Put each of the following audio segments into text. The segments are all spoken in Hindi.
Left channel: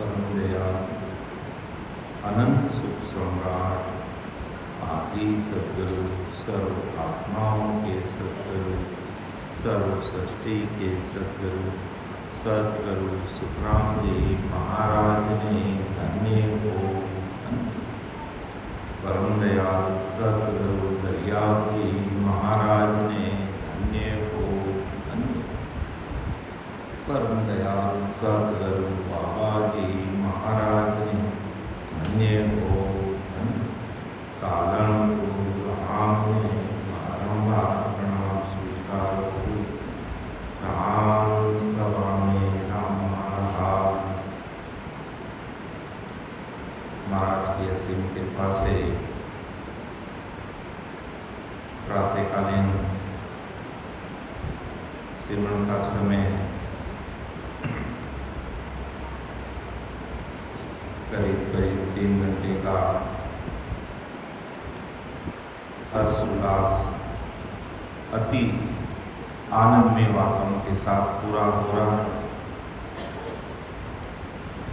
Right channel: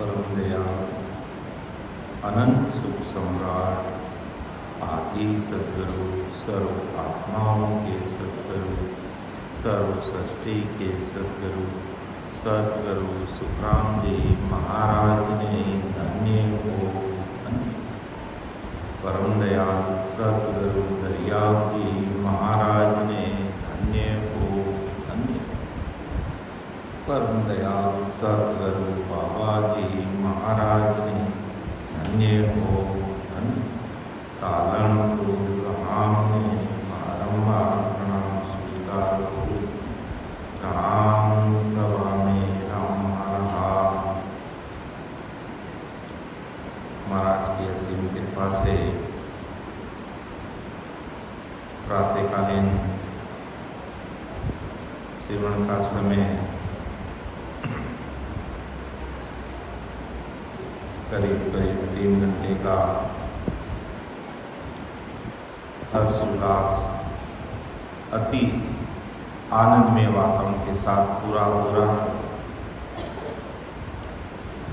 परम दयाल अनंत सुख सम्राट आदि सद्गुरु सर्व आत्माओं के सद्गुरु सर्व सृष्टि के सद्गुरु सद्गुरु सुखराम जी महाराज ने धन्य हो। परम दयाल सद्गुरु दरियाव जी महाराज ने धन्य हो। परम दयाल सद्गुरु बाबा जी महाराज ने धन्य हो। कालन राम ने बारंबार प्रणाम स्वीकार हो। राम सभा में राम महाराज महाराज की असीम कृपा से प्रातःकालीन सिमरन का समय करीब 3 घंटे का हर्षोल्लास अति आनंदमय वातावरण के साथ पूरा हो रहा है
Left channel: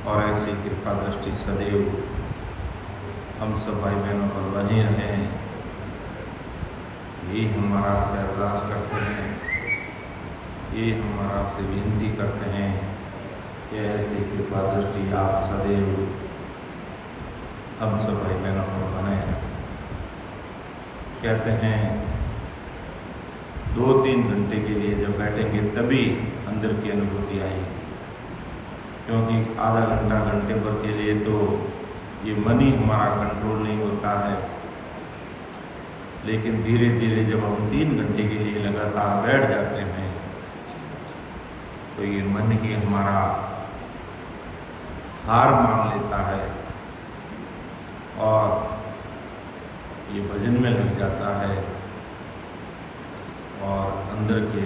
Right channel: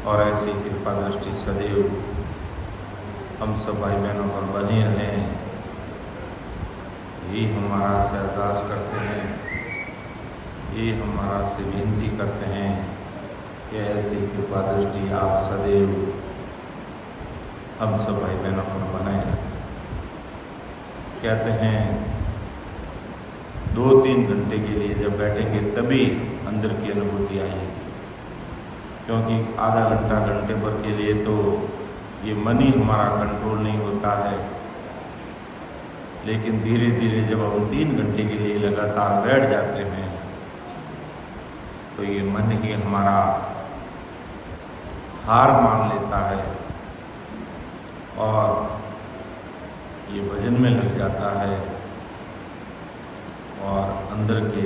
और ऐसी कृपा दृष्टि सदैव हम सब भाई बहनों पर बनी रहें, यही हमारा से अरदास करते हैं, ये हमारा से विनती करते हैं कि ऐसी कृपा दृष्टि आप सदैव हम सब भाई बहनों पर बने हैं। कहते हैं 2-3 घंटे के लिए जब बैठेंगे तभी अंदर की अनुभूति आएगी, क्योंकि आधा घंटा घंटे भर के लिए तो ये मन ही हमारा कंट्रोल नहीं होता है। लेकिन धीरे धीरे जब हम 3 घंटे के लिए लगातार बैठ जाते हैं तो ये मन ही हमारा हार मान लेता है और ये भजन में लग जाता है और अंदर के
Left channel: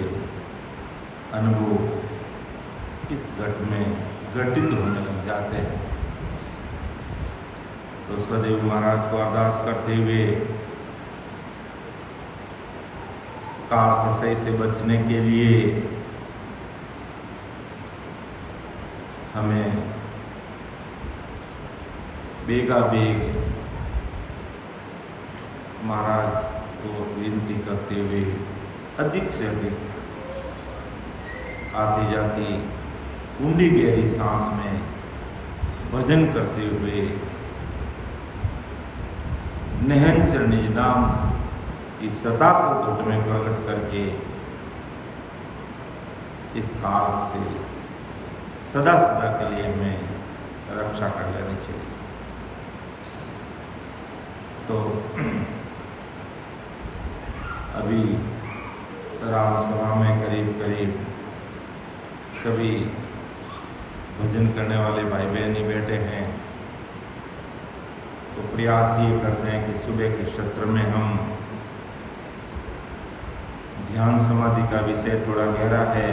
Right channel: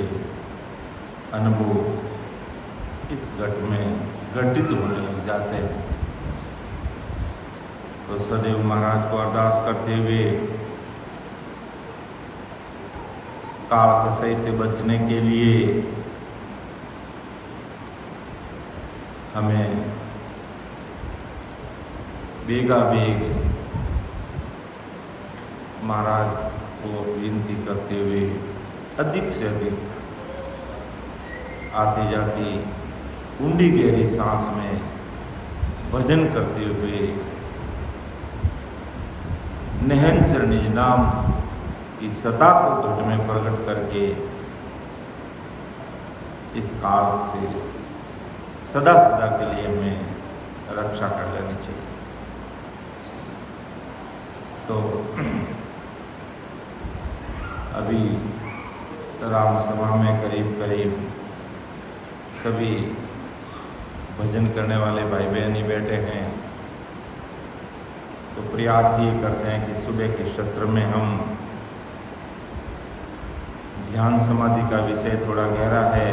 अनुभव इस घट में घटित होने लग जाते हैं। तो सदैव महाराज को अरदास करते हुए काल कसई से बचने के लिए हमें बेगा बेग महाराज को विनती करते हुए अधिक से अधिक आती जाती ऊंडी गहरी सांस में भजन करते हुए निहंचर निज नाम की सत्ता को घट में प्रकट करके इस काल से सदा सदा के लिए हमें रक्षा कर लेनी चाहिए। तो अभी राम सभा में करीब करीब सभी भजन करने वाले भाई बहन ही बैठे हैं। तो प्रयास ये करते हैं कि सुबह के सत्र में हम ध्यान समाधि का विषय थोड़ा गहरा है,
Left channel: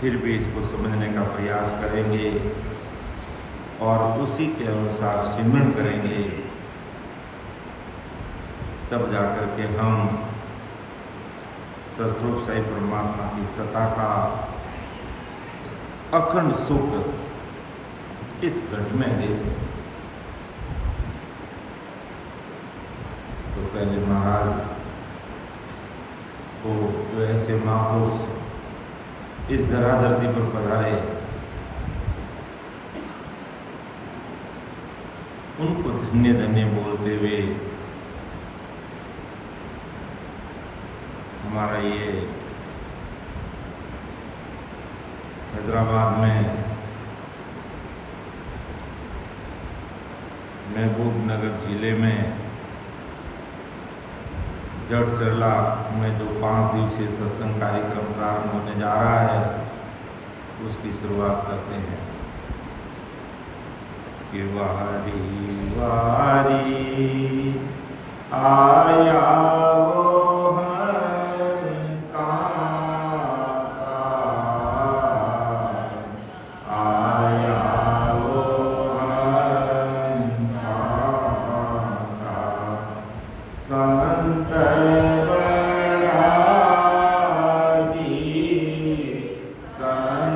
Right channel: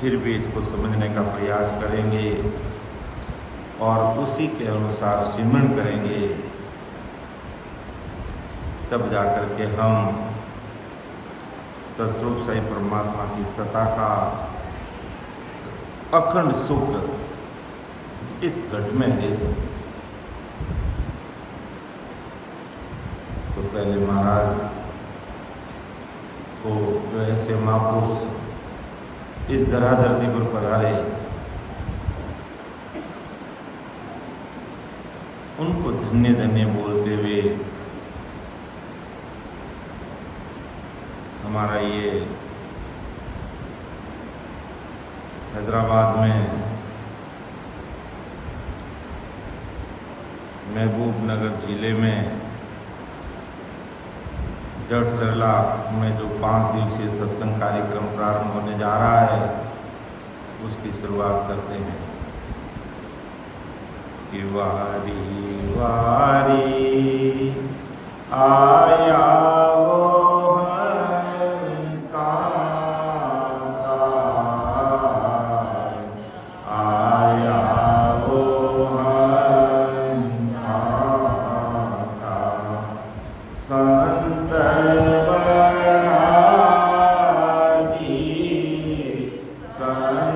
फिर भी इसको समझने का प्रयास करेंगे और उसी के अनुसार सिमरन करेंगे, तब जाकर के हम सस्वरूप साई परमात्मा की सत्ता का अखंड सुख इस घट में ले सकते। तो पहले महाराज को जो ऐसे महापुरुष इस धराधरती पर पधारे, उनको धन्य धन्य बोलते हुए हमारा ये हैदराबाद में महबूब नगर जिले में जड़चरला में जो 5 दिवसीय सत्संग कार्यक्रम प्रारंभ होने जा रहा है, उसकी शुरुआत करते हैं कि वारी वारी आया वो संत बड़ा दी संत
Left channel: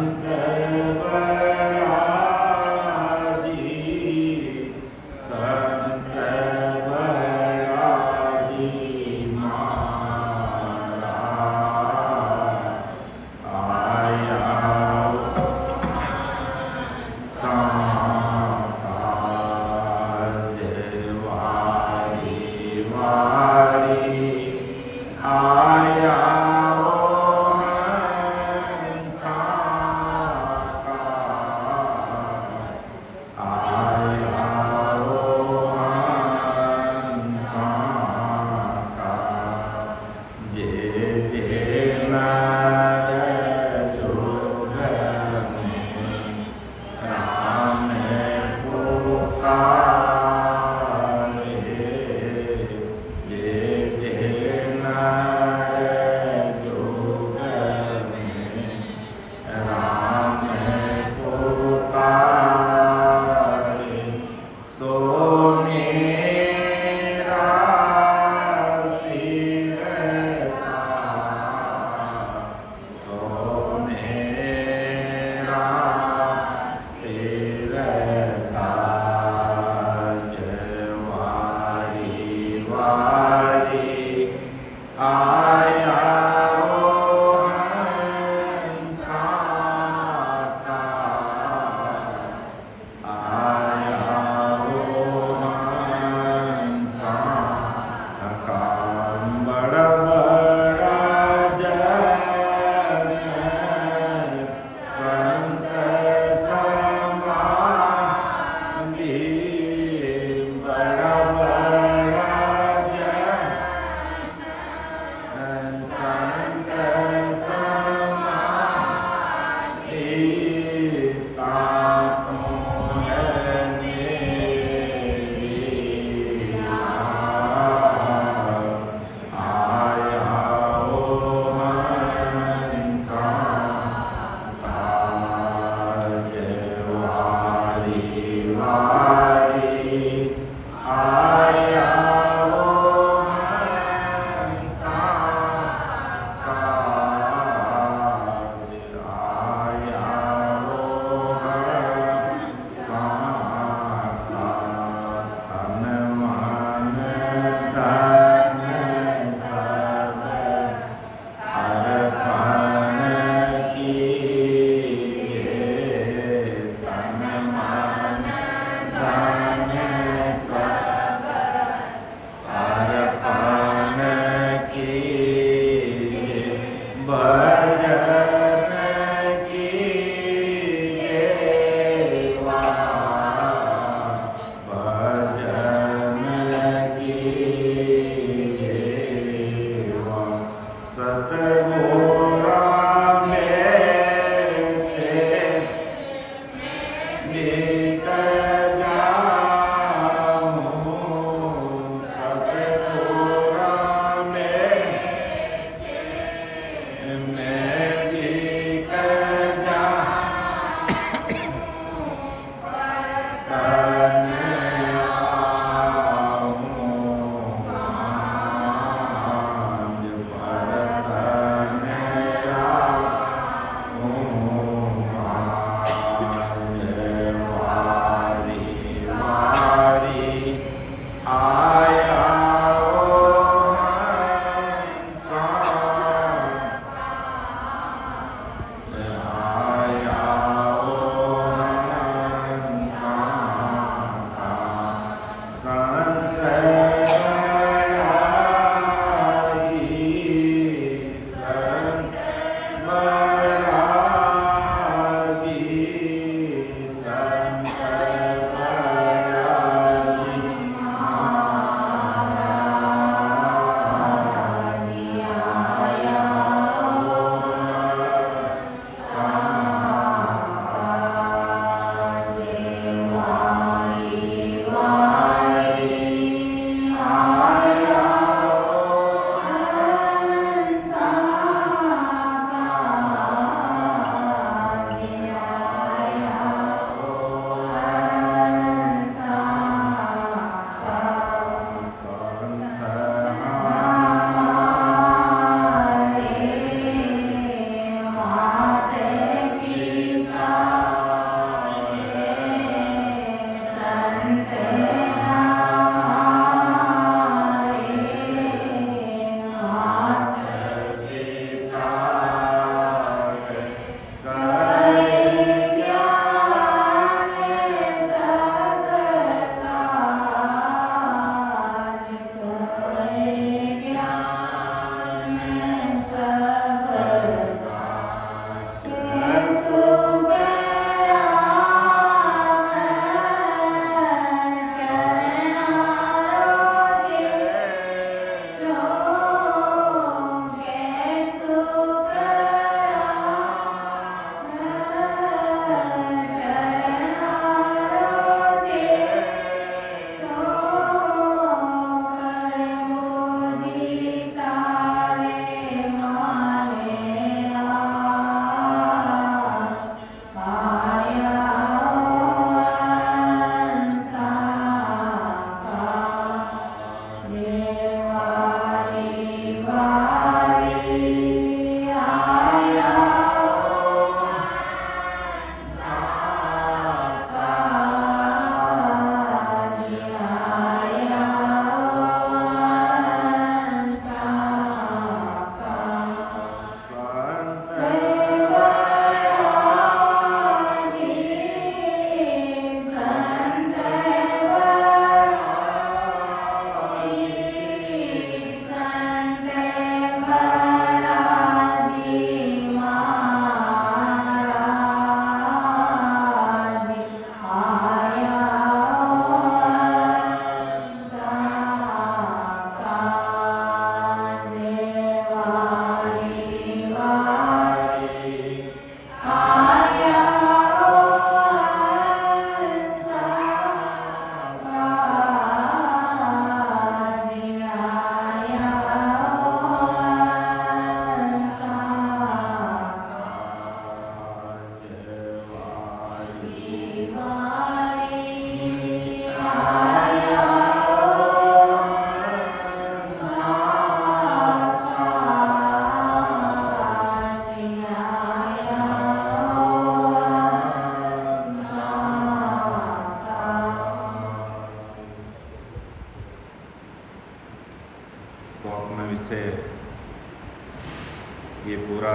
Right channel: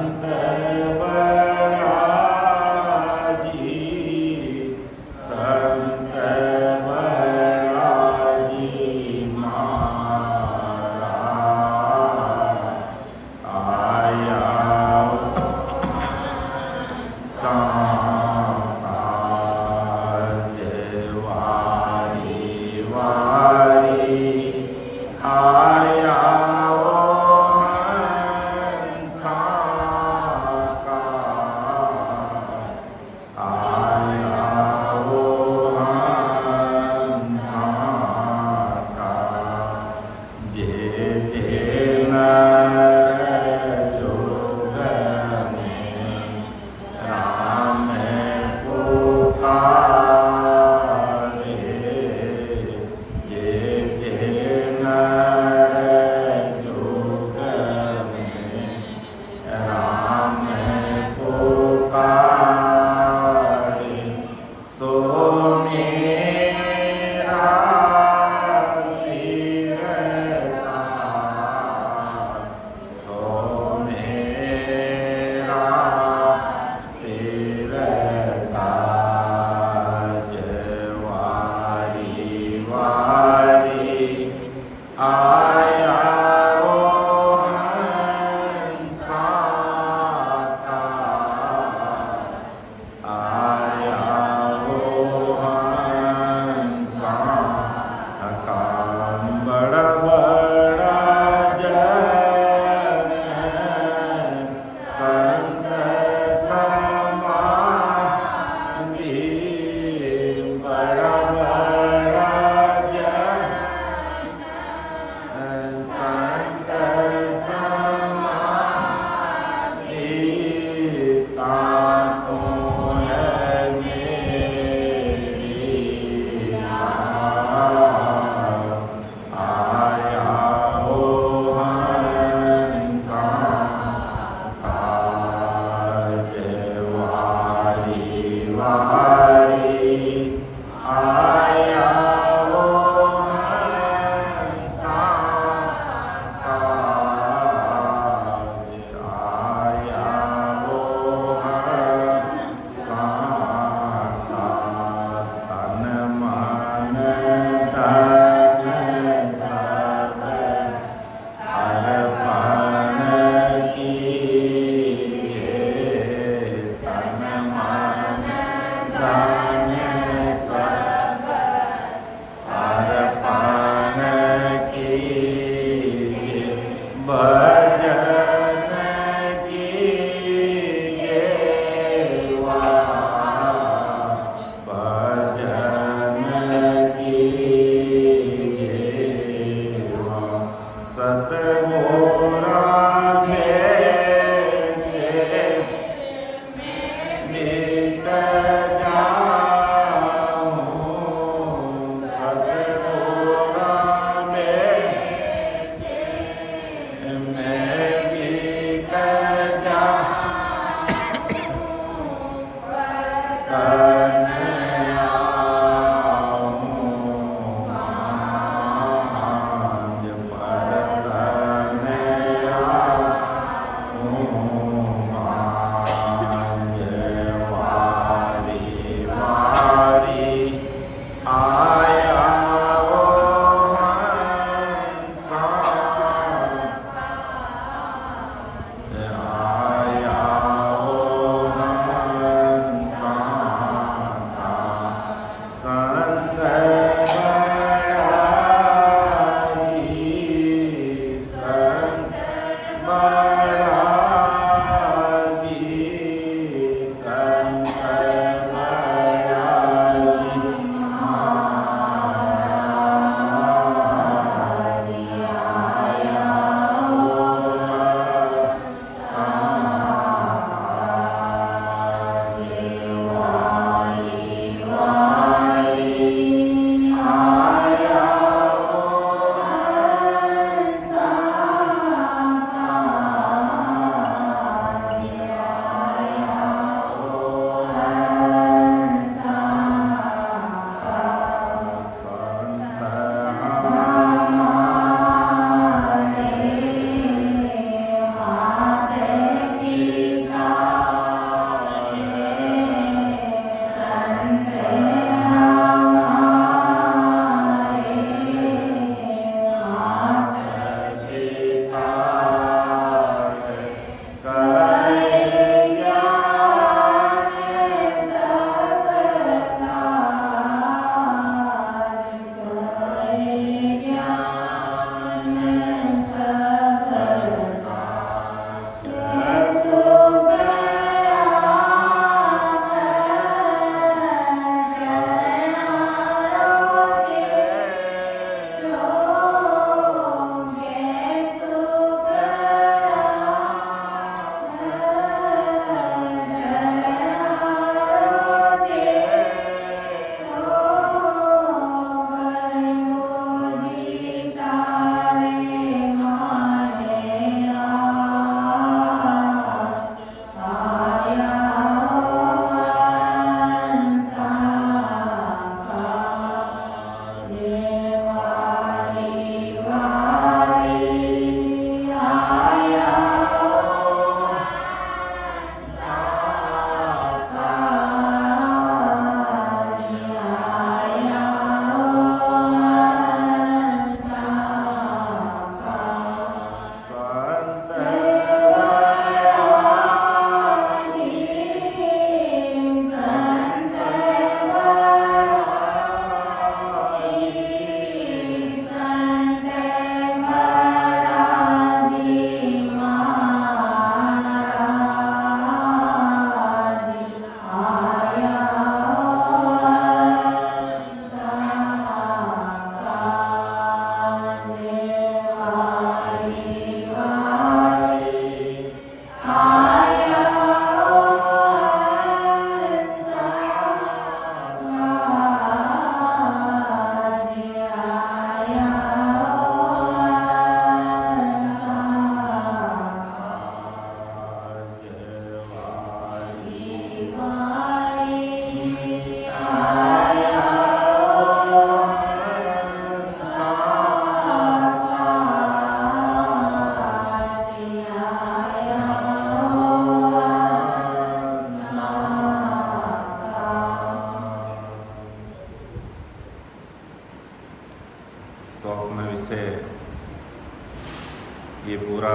ये पूरा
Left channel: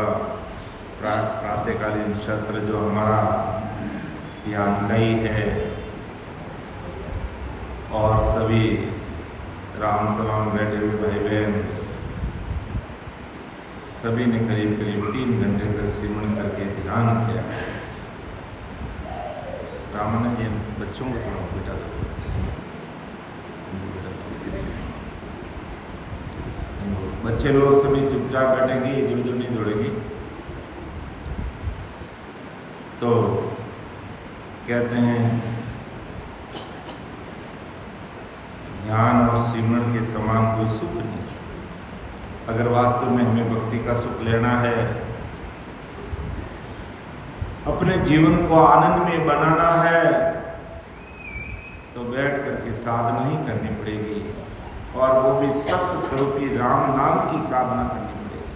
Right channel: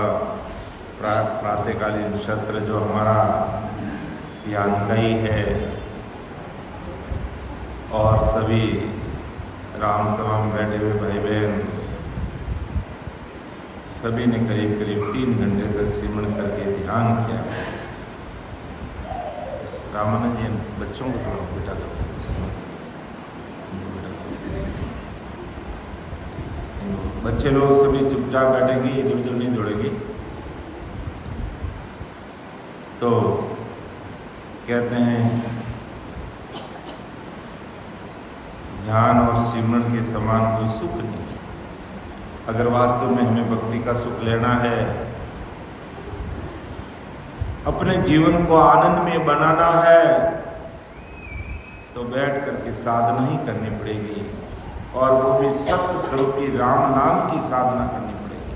प्रातःकालीन सत्र जो हमारा यहाँ कई है और सभी राम सभा में बैठे हुए भाई बहन सभी ने करीब करीब 3 घंटे तक सिमरन करके ध्यान किया। रामानंद जी बच्चों को थोड़ा बेटा बच्चे लोग सभी चुपचाप बैठेंगे, इधर उधर नहीं दौड़ेगी। तो कहते हैं ध्यान और सिमरन के समान कोई सुख नहीं। अगर वास्तव में हमें भक्ति का सुख लेना है, अपने जीवन को आनंदमय बनाना है, तो बैठ करके साधना ही करनी पड़ेगी, और वो भी सत्य स्वरूपी राम नाम की साधना करनी पड़ेगी।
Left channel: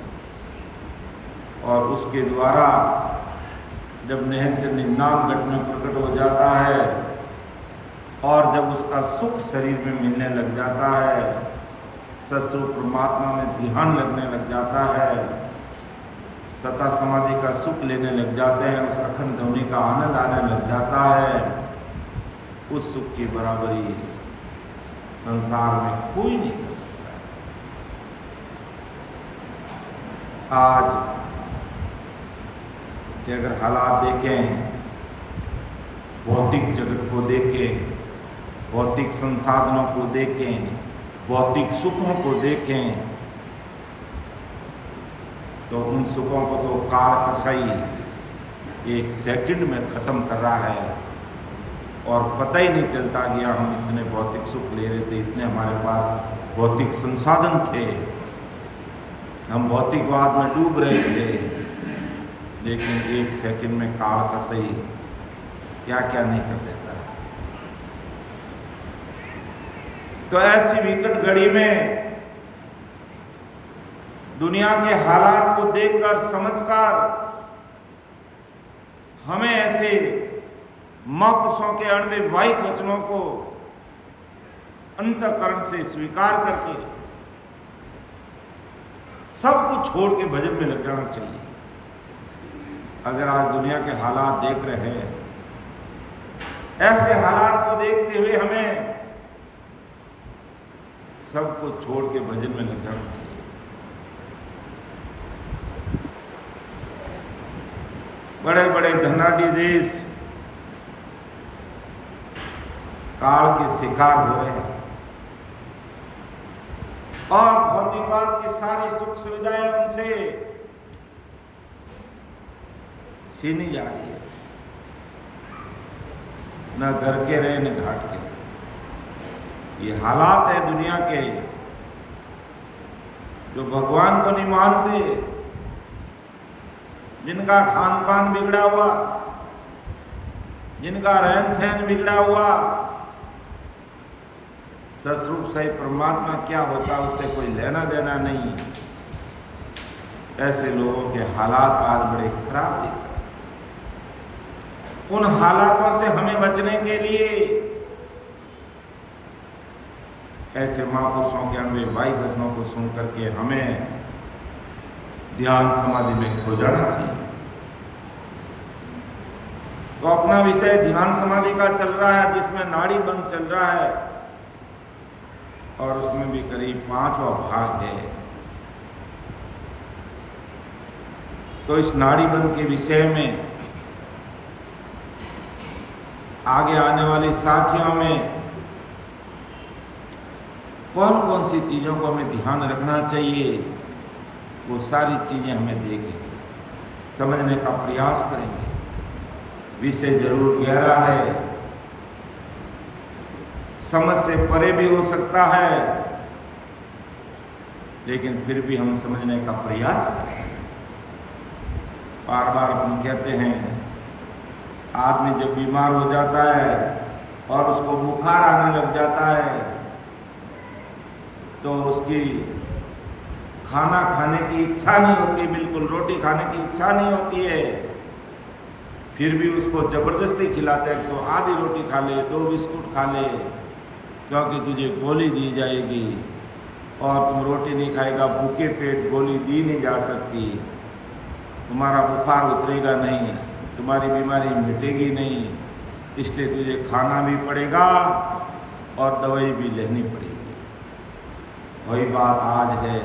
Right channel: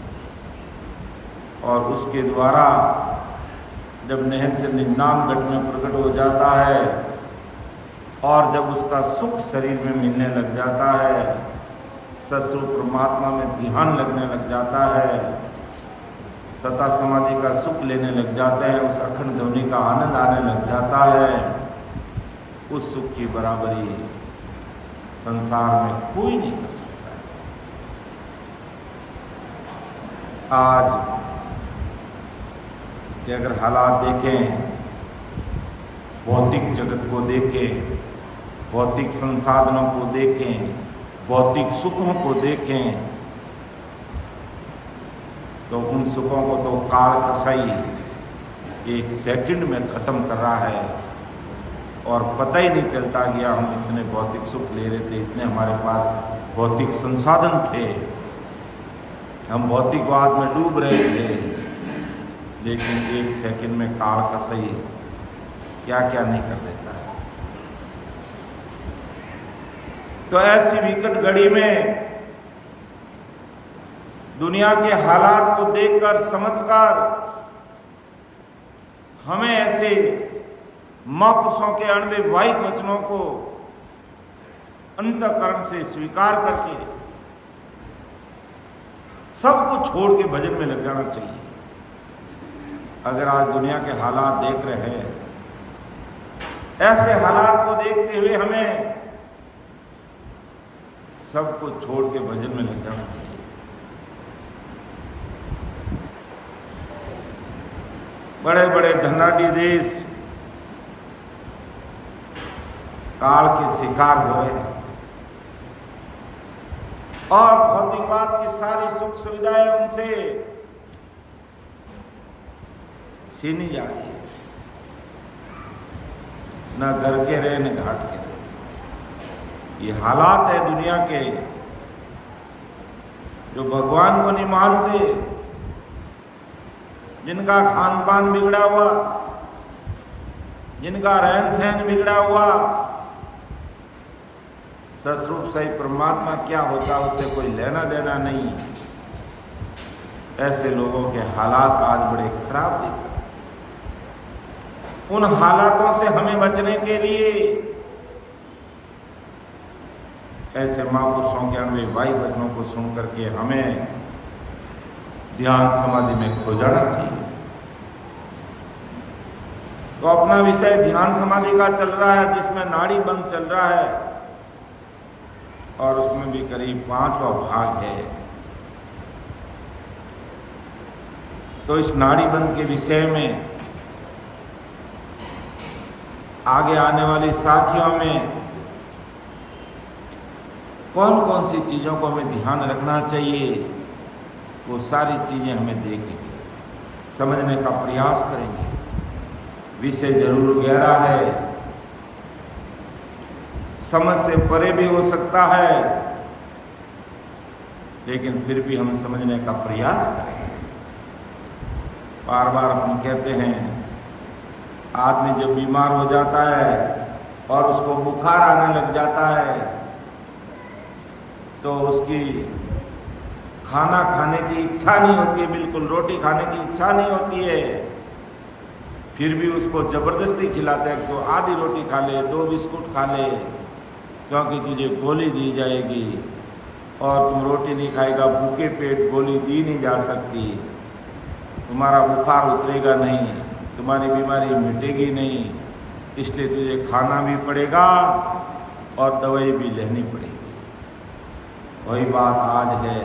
और उसके द्वारा जब निहंचल निन्दान घट में प्रकट हो जाता है और जब उसका सुख शरीर में मिलने लग जाता है, सत्स्वरूप परमात्मा में ध्यान लगने लग जाता है, सता समाधि का सुख लेने लग जाते हैं, उस अखंड ध्वनि का आनंद आने लग जाता है, उस सुख की बराबरी संसार में कोई नहीं कर सकता है। आज कि अगर हालात देखें, भौतिक जगत को देखें, भौतिक संसाधनों को देखें, भौतिक सुखों को देखें, तो उन सुखों को तो काल कसाई 1 सेकंड में ख़त्म कर रहा है, और पता ही नहीं चलता गया हम इतने भौतिक सुख ले रहे थे, इतने हमारे पास भौतिक संसाधन थे, हम भौतिकवाद में डूब रहे थे, लेकिन 1 सेकंड में काल कसाई क्या क्या नहीं कर देता है। तो ऐसी विकट घड़ी में दुनिया के हालात को देखकर समझकर हमें ऐसे महापुरुषों के अणविवाहिक वचनों को अंतःकरण से स्वीकार करके सब कुछ छोड़ के भजन में लग जाना चाहिए। अगर आज दुनिया के हालात देख रहे हैं, ऐसे हालात को देखते हुए हमें सब कुछ छोड़ के भजन में लग जाना चाहिए। बड़े बड़े धनाढ्य देश काल के शिकार हो रहे हैं, और भौतिकवाद की सारी सुख सुविधाएं उनसे छीनी जा रही है। न घर के रहे न घाट के रहे। ये हालात है दुनिया के, जो भगवान को नहीं मानते, जिनका खान पान बिगड़ा हुआ, जिनका रहन सहन बिगड़ा हुआ, सस्वरूप सही परमात्मा क्या होता उससे कोई लेना देना नहीं। ऐसे लोगों के हालात आज बड़े खराब दिख रहे हैं। उन हालातों से हमें बचने के लिए ऐसे महापुरुषों के अणविवाहिक वचनों को सुन करके हमें ध्यान समाधि में खो जाना चाहिए। तो अपना विषय ध्यान समाधि का चल रहा है, जिसमें नाड़ी बंद चल रहा है, और उसमें भी करीब 5वां भाग है। तो इस नाड़ी बंद के विषय में आगे आने वाली साखियों में कौन कौन सी चीज़ों को हमें ध्यान रखना चाहिए, वो सारी चीज़ें हमें देखेंगे, समझने का प्रयास करेंगे। विषय जरूर गहरा है, समझ से परे भी हो सकता है, लेकिन फिर भी हम समझने का प्रयास करें। बार बार हम कहते हैं, आदमी जब बीमार हो जाता है और उसको बुखार आने लग जाता है, तो उसकी खाना खाने की इच्छा नहीं होती, बिल्कुल रोटी खाने की इच्छा नहीं होती है, फिर भी उसको ज़बरदस्ती खिलाते हैं, तो आधी रोटी खा ले, 2 बिस्कुट खा ले, क्योंकि तुझे गोली दी जाएगी और तुम रोटी नहीं खाएगा, भूखे पेट गोली दी नहीं जा सकती, तुम्हारा बुखार उतरेगा नहीं, तुम्हारी बीमारी मिटेगी नहीं, इसलिए तुझे खाना भी पड़ेगा और दवाई भी लेनी पड़ेगी। वही बात आज है,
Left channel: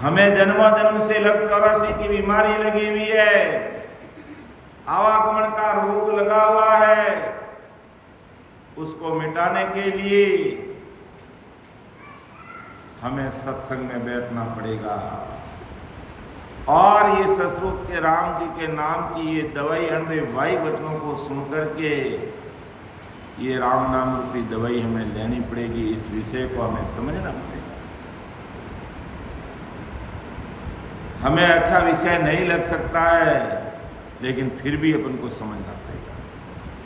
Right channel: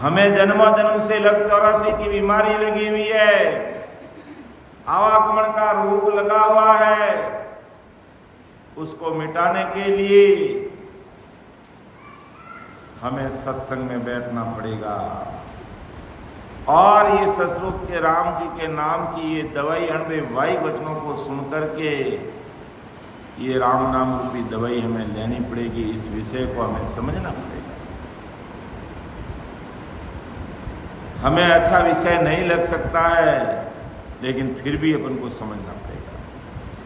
हमें जन्मों जन्म से चौरासी की बीमारी लगी हुई है, आवागमन का रोग लगा हुआ है। उसको मिटाने के लिए हमें सत्संग में बैठना पड़ेगा और ये सतयुग के राम जी के नाम की ये दवाई हमें वाई वचनों को सुनकर के ये राम नाम रूपी दवाई हमें लेनी पड़ेगी। इस विषय को हमें समझना पड़ेगा। हमें अच्छा विषय नहीं लग सकता है, लेकिन फिर भी अपन को समझना पड़ेगा,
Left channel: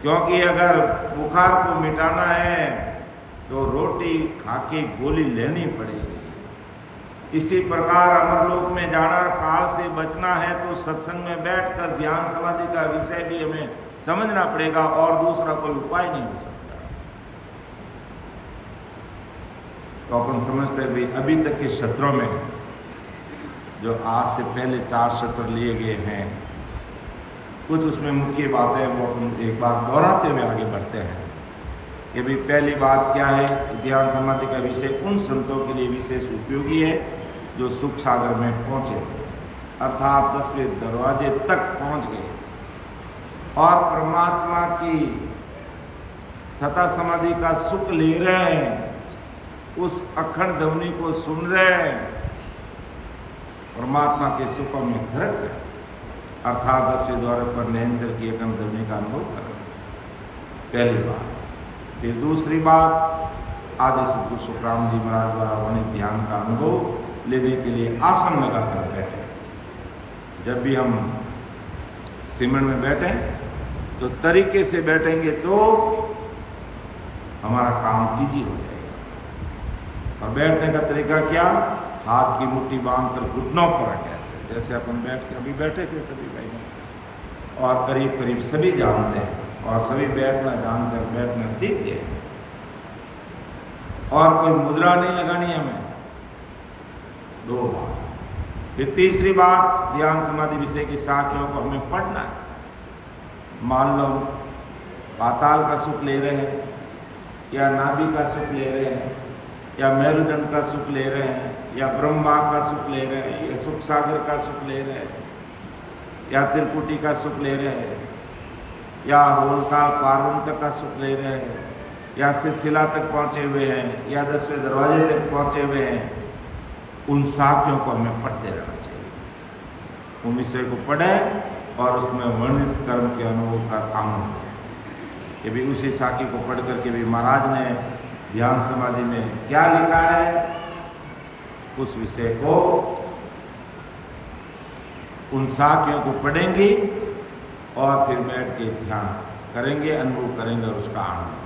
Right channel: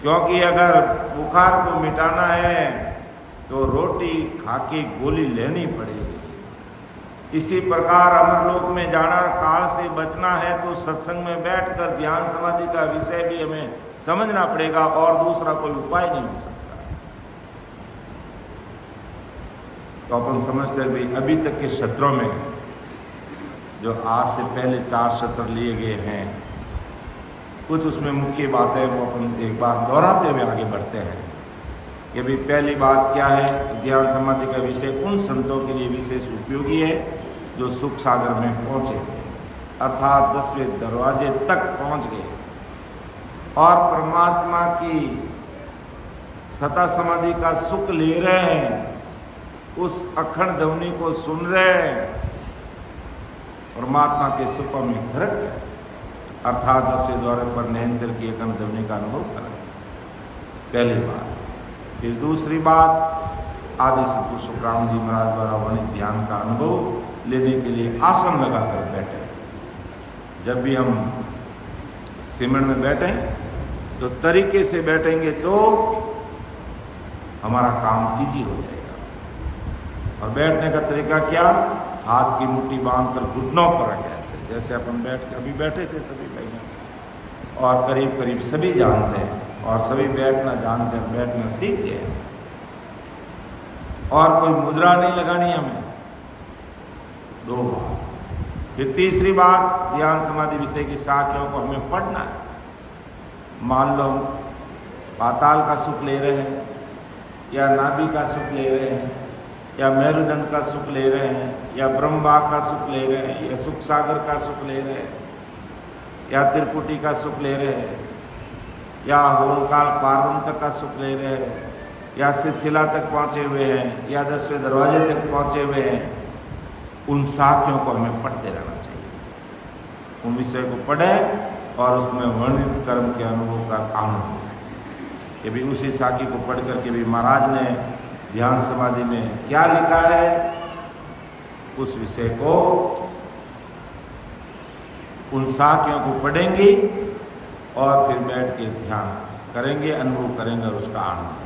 क्योंकि अगर बुखार को मिटाना है तो रोटी खा के गोली लेनी पड़ेगी। इसी प्रकार अमरलोक में जाना, काल से बचना है तो सत्संग में बैठकर ध्यान समाधि का विषय भी हमें समझना पड़ेगा और दूसरा कोई उपाय नहीं हो सकता। तो अपन समझते हैं भाई अभी तक के सत्रों में जो आज से पहले 4 सत्र लिए गए हैं, कुछ उसमें मुख्य बातें वो अपन एक बार दोहराते हुए आगे बढ़ते हैं कि भाई पहली बात क्या है, ध्यान समाधि का विषय उन संतों के लिए विशेष उपयोगी है जो सुख सागर में पहुँचे, अर्थात 10वें दरवाजे तक पहुँच गए और परमात्मा की सता समाधि का सुख ले रहे हैं, उस अखंड ध्वनि को सुन रहे हैं, परमात्मा के सुखों में खरक है, अर्थात 10वें द्वार पर निरंतर की अखंड ध्वनि का अनुभव करें। पहली बात। फिर दूसरी बात, आदि सतगुरु सुखराम जी महाराज द्वारा वर्णित ध्यान का अनुभव लेने के लिए आसन लगाकर बैठे। जब भी हम सिमरन में बैठे तो तरीके से बैठेंगे तो हमारा काम इजी हो जाएगा। और बैठने का तरीका क्या, हाथ की मुट्ठी बांधकर घुटनों पर रखें, ऐसे जैसे अपन बैठ के अभी बैठे थे सभी भाई, और करीब करीब सभी जानते हैं और सभी बैठना जानते हैं, बैठना सीख गए और कोई मुद्रा नहीं लगानी हमें। 2 बात। फिर तीसरी बात, ध्यान समाधि विषय की साखियों को हमें पढ़ना है। मान लो पाताल का सुख ले रहे हैं या नाभि का सुख ले रहे हैं या मेरुदंड का सुख ले रहे हैं या ब्रह्मा का सुख ले रहे हैं या सुख सागर का सुख ले रहे हैं या त्रिपुटी का सुख ले रहे हैं या होलकाल पार्वंत का सुख ले रहे हैं या सिलसिला तक पहुँचे हुए हैं या 10वें दरवाजे तक पहुँचे हुए हैं, उन साखियों को हमें पढ़ते रहना चाहिए। उन विषय को पढ़ें और उसमें वर्णित कर्म के अनुभव का आनंद लें कि भी उसी साखी को पढ़ करके भी महाराज ने ध्यान समाधि में क्या लिखा है, उस विषय को, उन साखियों को पढ़ेंगे और फिर बैठ के ध्यान करेंगे, अनुभव करेंगे और उसका आनंद लेंगे।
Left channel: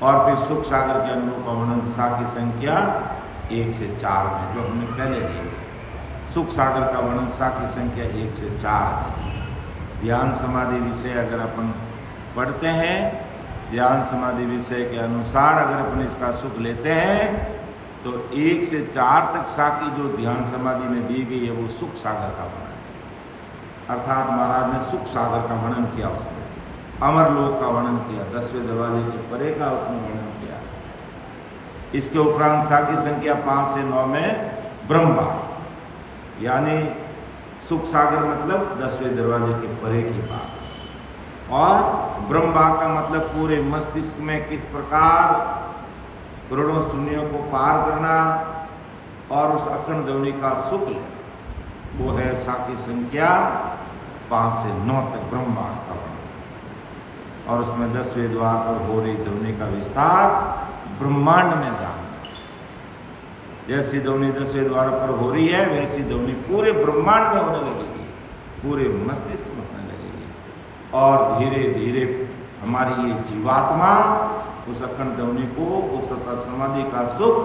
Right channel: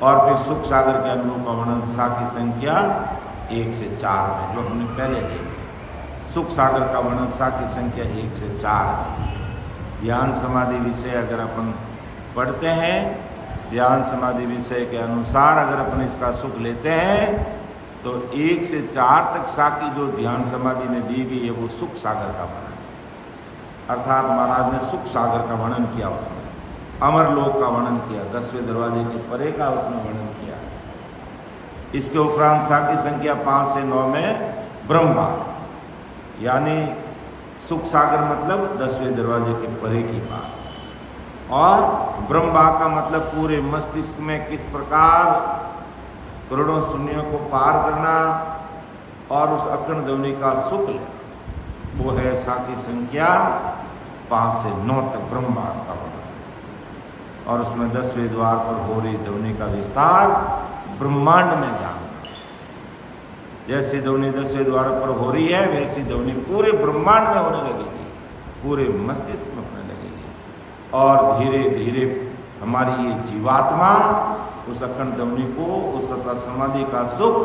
और फिर सुख सागर के अनुभव का वर्णन साखी संख्या 1 से 4 में जो हमने पहले ली है। सुख सागर का वर्णन साखी संख्या 1 से 4 है। ध्यान समाधि विषय अगर अपन पढ़ते हैं, ध्यान समाधि विषय के अनुसार अगर अपन इसका सुख लेते हैं तो 1 से 4 तक साखी जो ध्यान समाधि में दी गई है वो सुख सागर का वर्णन है। अर्थात महाराज ने सुख सागर का वर्णन किया, उसमें अमरलोक का वर्णन किया, 10वें दरवाजे के परे का उसमें वर्णन किया। इसके उपरांत साखी संख्या 5 से 9 में ब्रह्मा, यानी सुख सागर मतलब 10वें दरवाजे के परे की बात, और ब्रह्मा का मतलब पूरे मस्तिष्क में किस प्रकार करोड़ों शून्यों को पार करना और उस अखंड ध्वनि का सुख लेना, वो है साखी संख्या 5 से 9 तक ब्रह्मा का वर्णन। और उसमें 10वें द्वार पर हो रही ध्वनि का विस्तार ब्रह्मांड में जानना। जैसी ध्वनि 10वें द्वार पर हो रही है वैसी ध्वनि पूरे ब्रह्मांड में होने लगेगी, पूरे मस्तिष्क में होने लगेगी, और धीरे धीरे हमारी ये जीवात्मा उस अखंड ध्वनि को, उस समाधि का सुख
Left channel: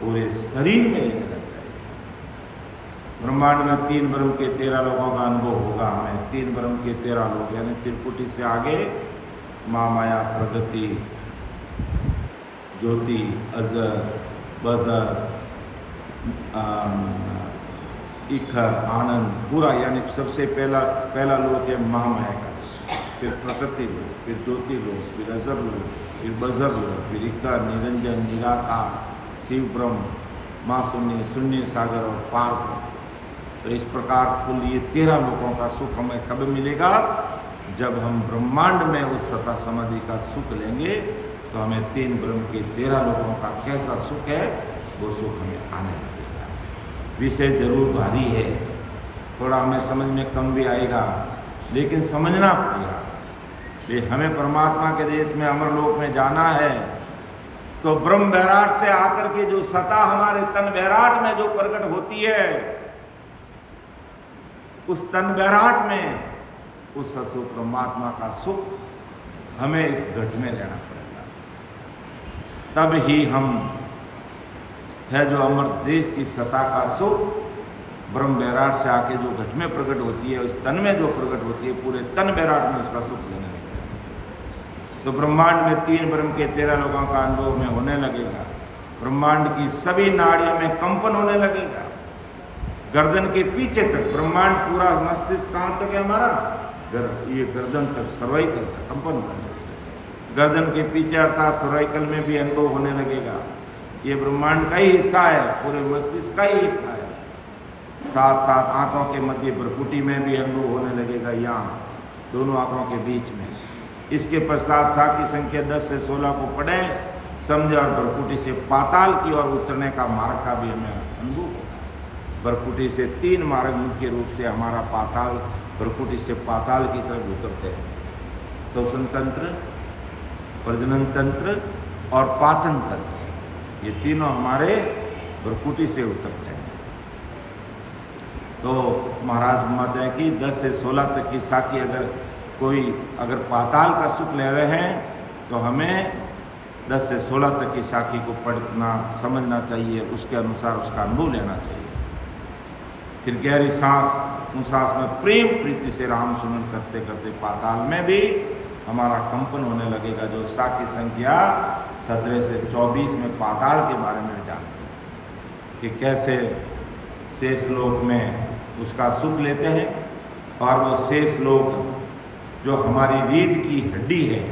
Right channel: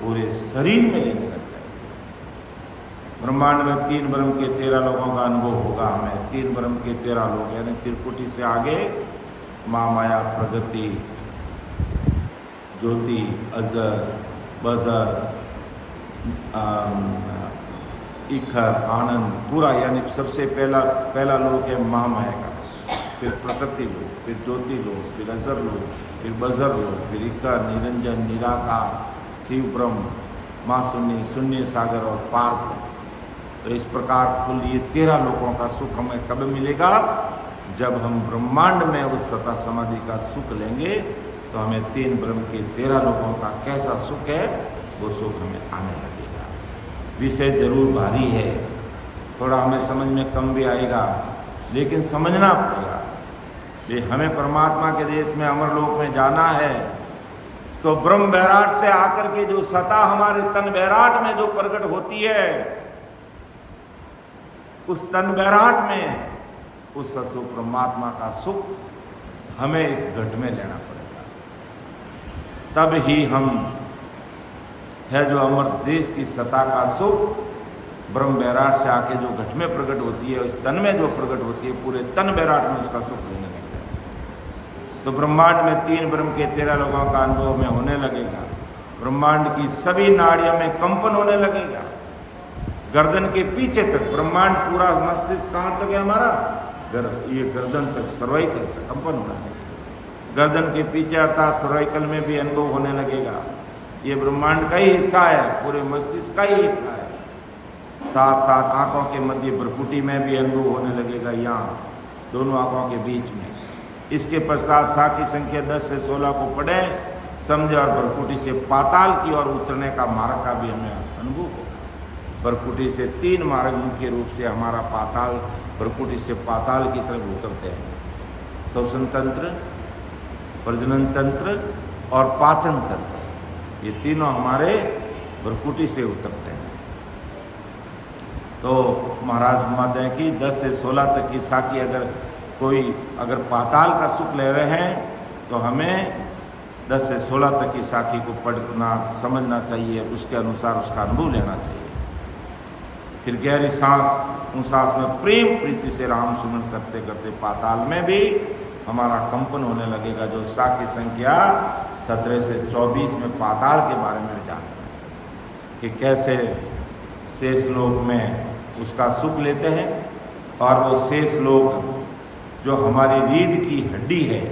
पूरे शरीर में लेने लग जाएगी। ब्रह्मांड में 3 ब्रह्म के 13 लोगों का अनुभव होगा हमें। 3 ब्रह्म के 13 लोग, यानी त्रिपुटी से आगे माँ माया, प्रगति, ज्योति, अजर, बजर, इखर, आनंद, पूरा, यानी सबसे पहला लोक है महामाया का, फिर प्रकृति लोक, फिर ज्योति लोक, फिर अजर लोक, फिर बजर लोक, फिर इखर, निरंजन, निराकार, शिव ब्रह्म, माँ शून्य, शून्य सागर और पार ब्रह्म। तो इस प्रकार कुल ये 13 लोकों का सुख हमें कब मिलेगा? जब हम ब्रह्मांड में उस सता समाधि का सुख लेंगे तो हमें 3 ब्रह्म के 13 लोकों का कैसा सुख है वो सुख हमें आने लगेगा। विषय जरूर भारी है, थोड़ा हमें समझ में कम भी आएगा, लेकिन समझना पड़ेगा। ये हमें परमात्मा के देश में अमरलोक में जाना है तो ब्रह्म बैराट से आकर के जो सता हमारे तन बैराट में जो प्रकट होती है, उस तन बैराट में उस सत्व परमात्मा का सुख हमें इस घट में लेना पड़ेगा। तब ही हम है जो अमर देश की सता का सुख ब्रह्म बैराट से आके जो घट में प्रकट होती है, उस तन में जो प्रकट होती है, पूरे तन बैराट में उसका सुख लेने लगेगा। तो ब्रह्मांड में 3 ब्रह्म के 13 लोगों का अनुभव में होने लगेगा। ब्रह्मांड की सभी नाड़ियों में कंपन होने लगेगा। गर्दन के पीछे तक ब्रह्मांड पूरा, मस्तिष्क कहाँ तक है हमारा? ये गर्दन तक, सर्वाइकल तक कंपन होने लगेगा। गर्दन के पीछे अर्थात सर्वाइकल में भी अनुभव होने लगेगा। ये ब्रह्मांड का ही हिस्सा है, पूरे मस्तिष्क का ही हिस्सा है। साथ साथ आंखों के मध्य भ्रकुटी में भी अनुभव होने लगेगा, यहाँ दोनों आंखों के बीच में। इसके पश्चात साकी संख्या 10 से 16 को पढ़ें, समझे, और भ्रकुटी से पाताल की ओर उतरने का मार्ग का भी हमें अनुभव होगा। भ्रकुटी से 3 मार्ग मुख्य रूप से हमारा पाताल, भ्रकुटी से पाताल की तरफ उतरते हैं। श्वसन तंत्र, प्रजनन तंत्र और पाचन तंत्र, ये तीनों हमारे भ्रकुटी से उतरते हैं। तो महाराज महोदय की 10 से 16 तक की साकी अगर पाताल का सुख ले रहे हैं तो हमें 10 से 16 तक की साखी को पढ़ना, समझना चाहिए, उसके अनुसार उसका अनुभव लेना चाहिए। फिर गहरी सांस, उन सांस में प्रेम प्रीति से राम सुमन करते करते पाताल में भी हमारा कंपन होने लगेगा। जो साखी संख्या 17 से 24 में पाताल के बारे में जानते हैं कि कैसे शेष लोक में उसका सुख लेते हैं, और वो शेष लोक जो हमारी रीढ़ की हड्डी है,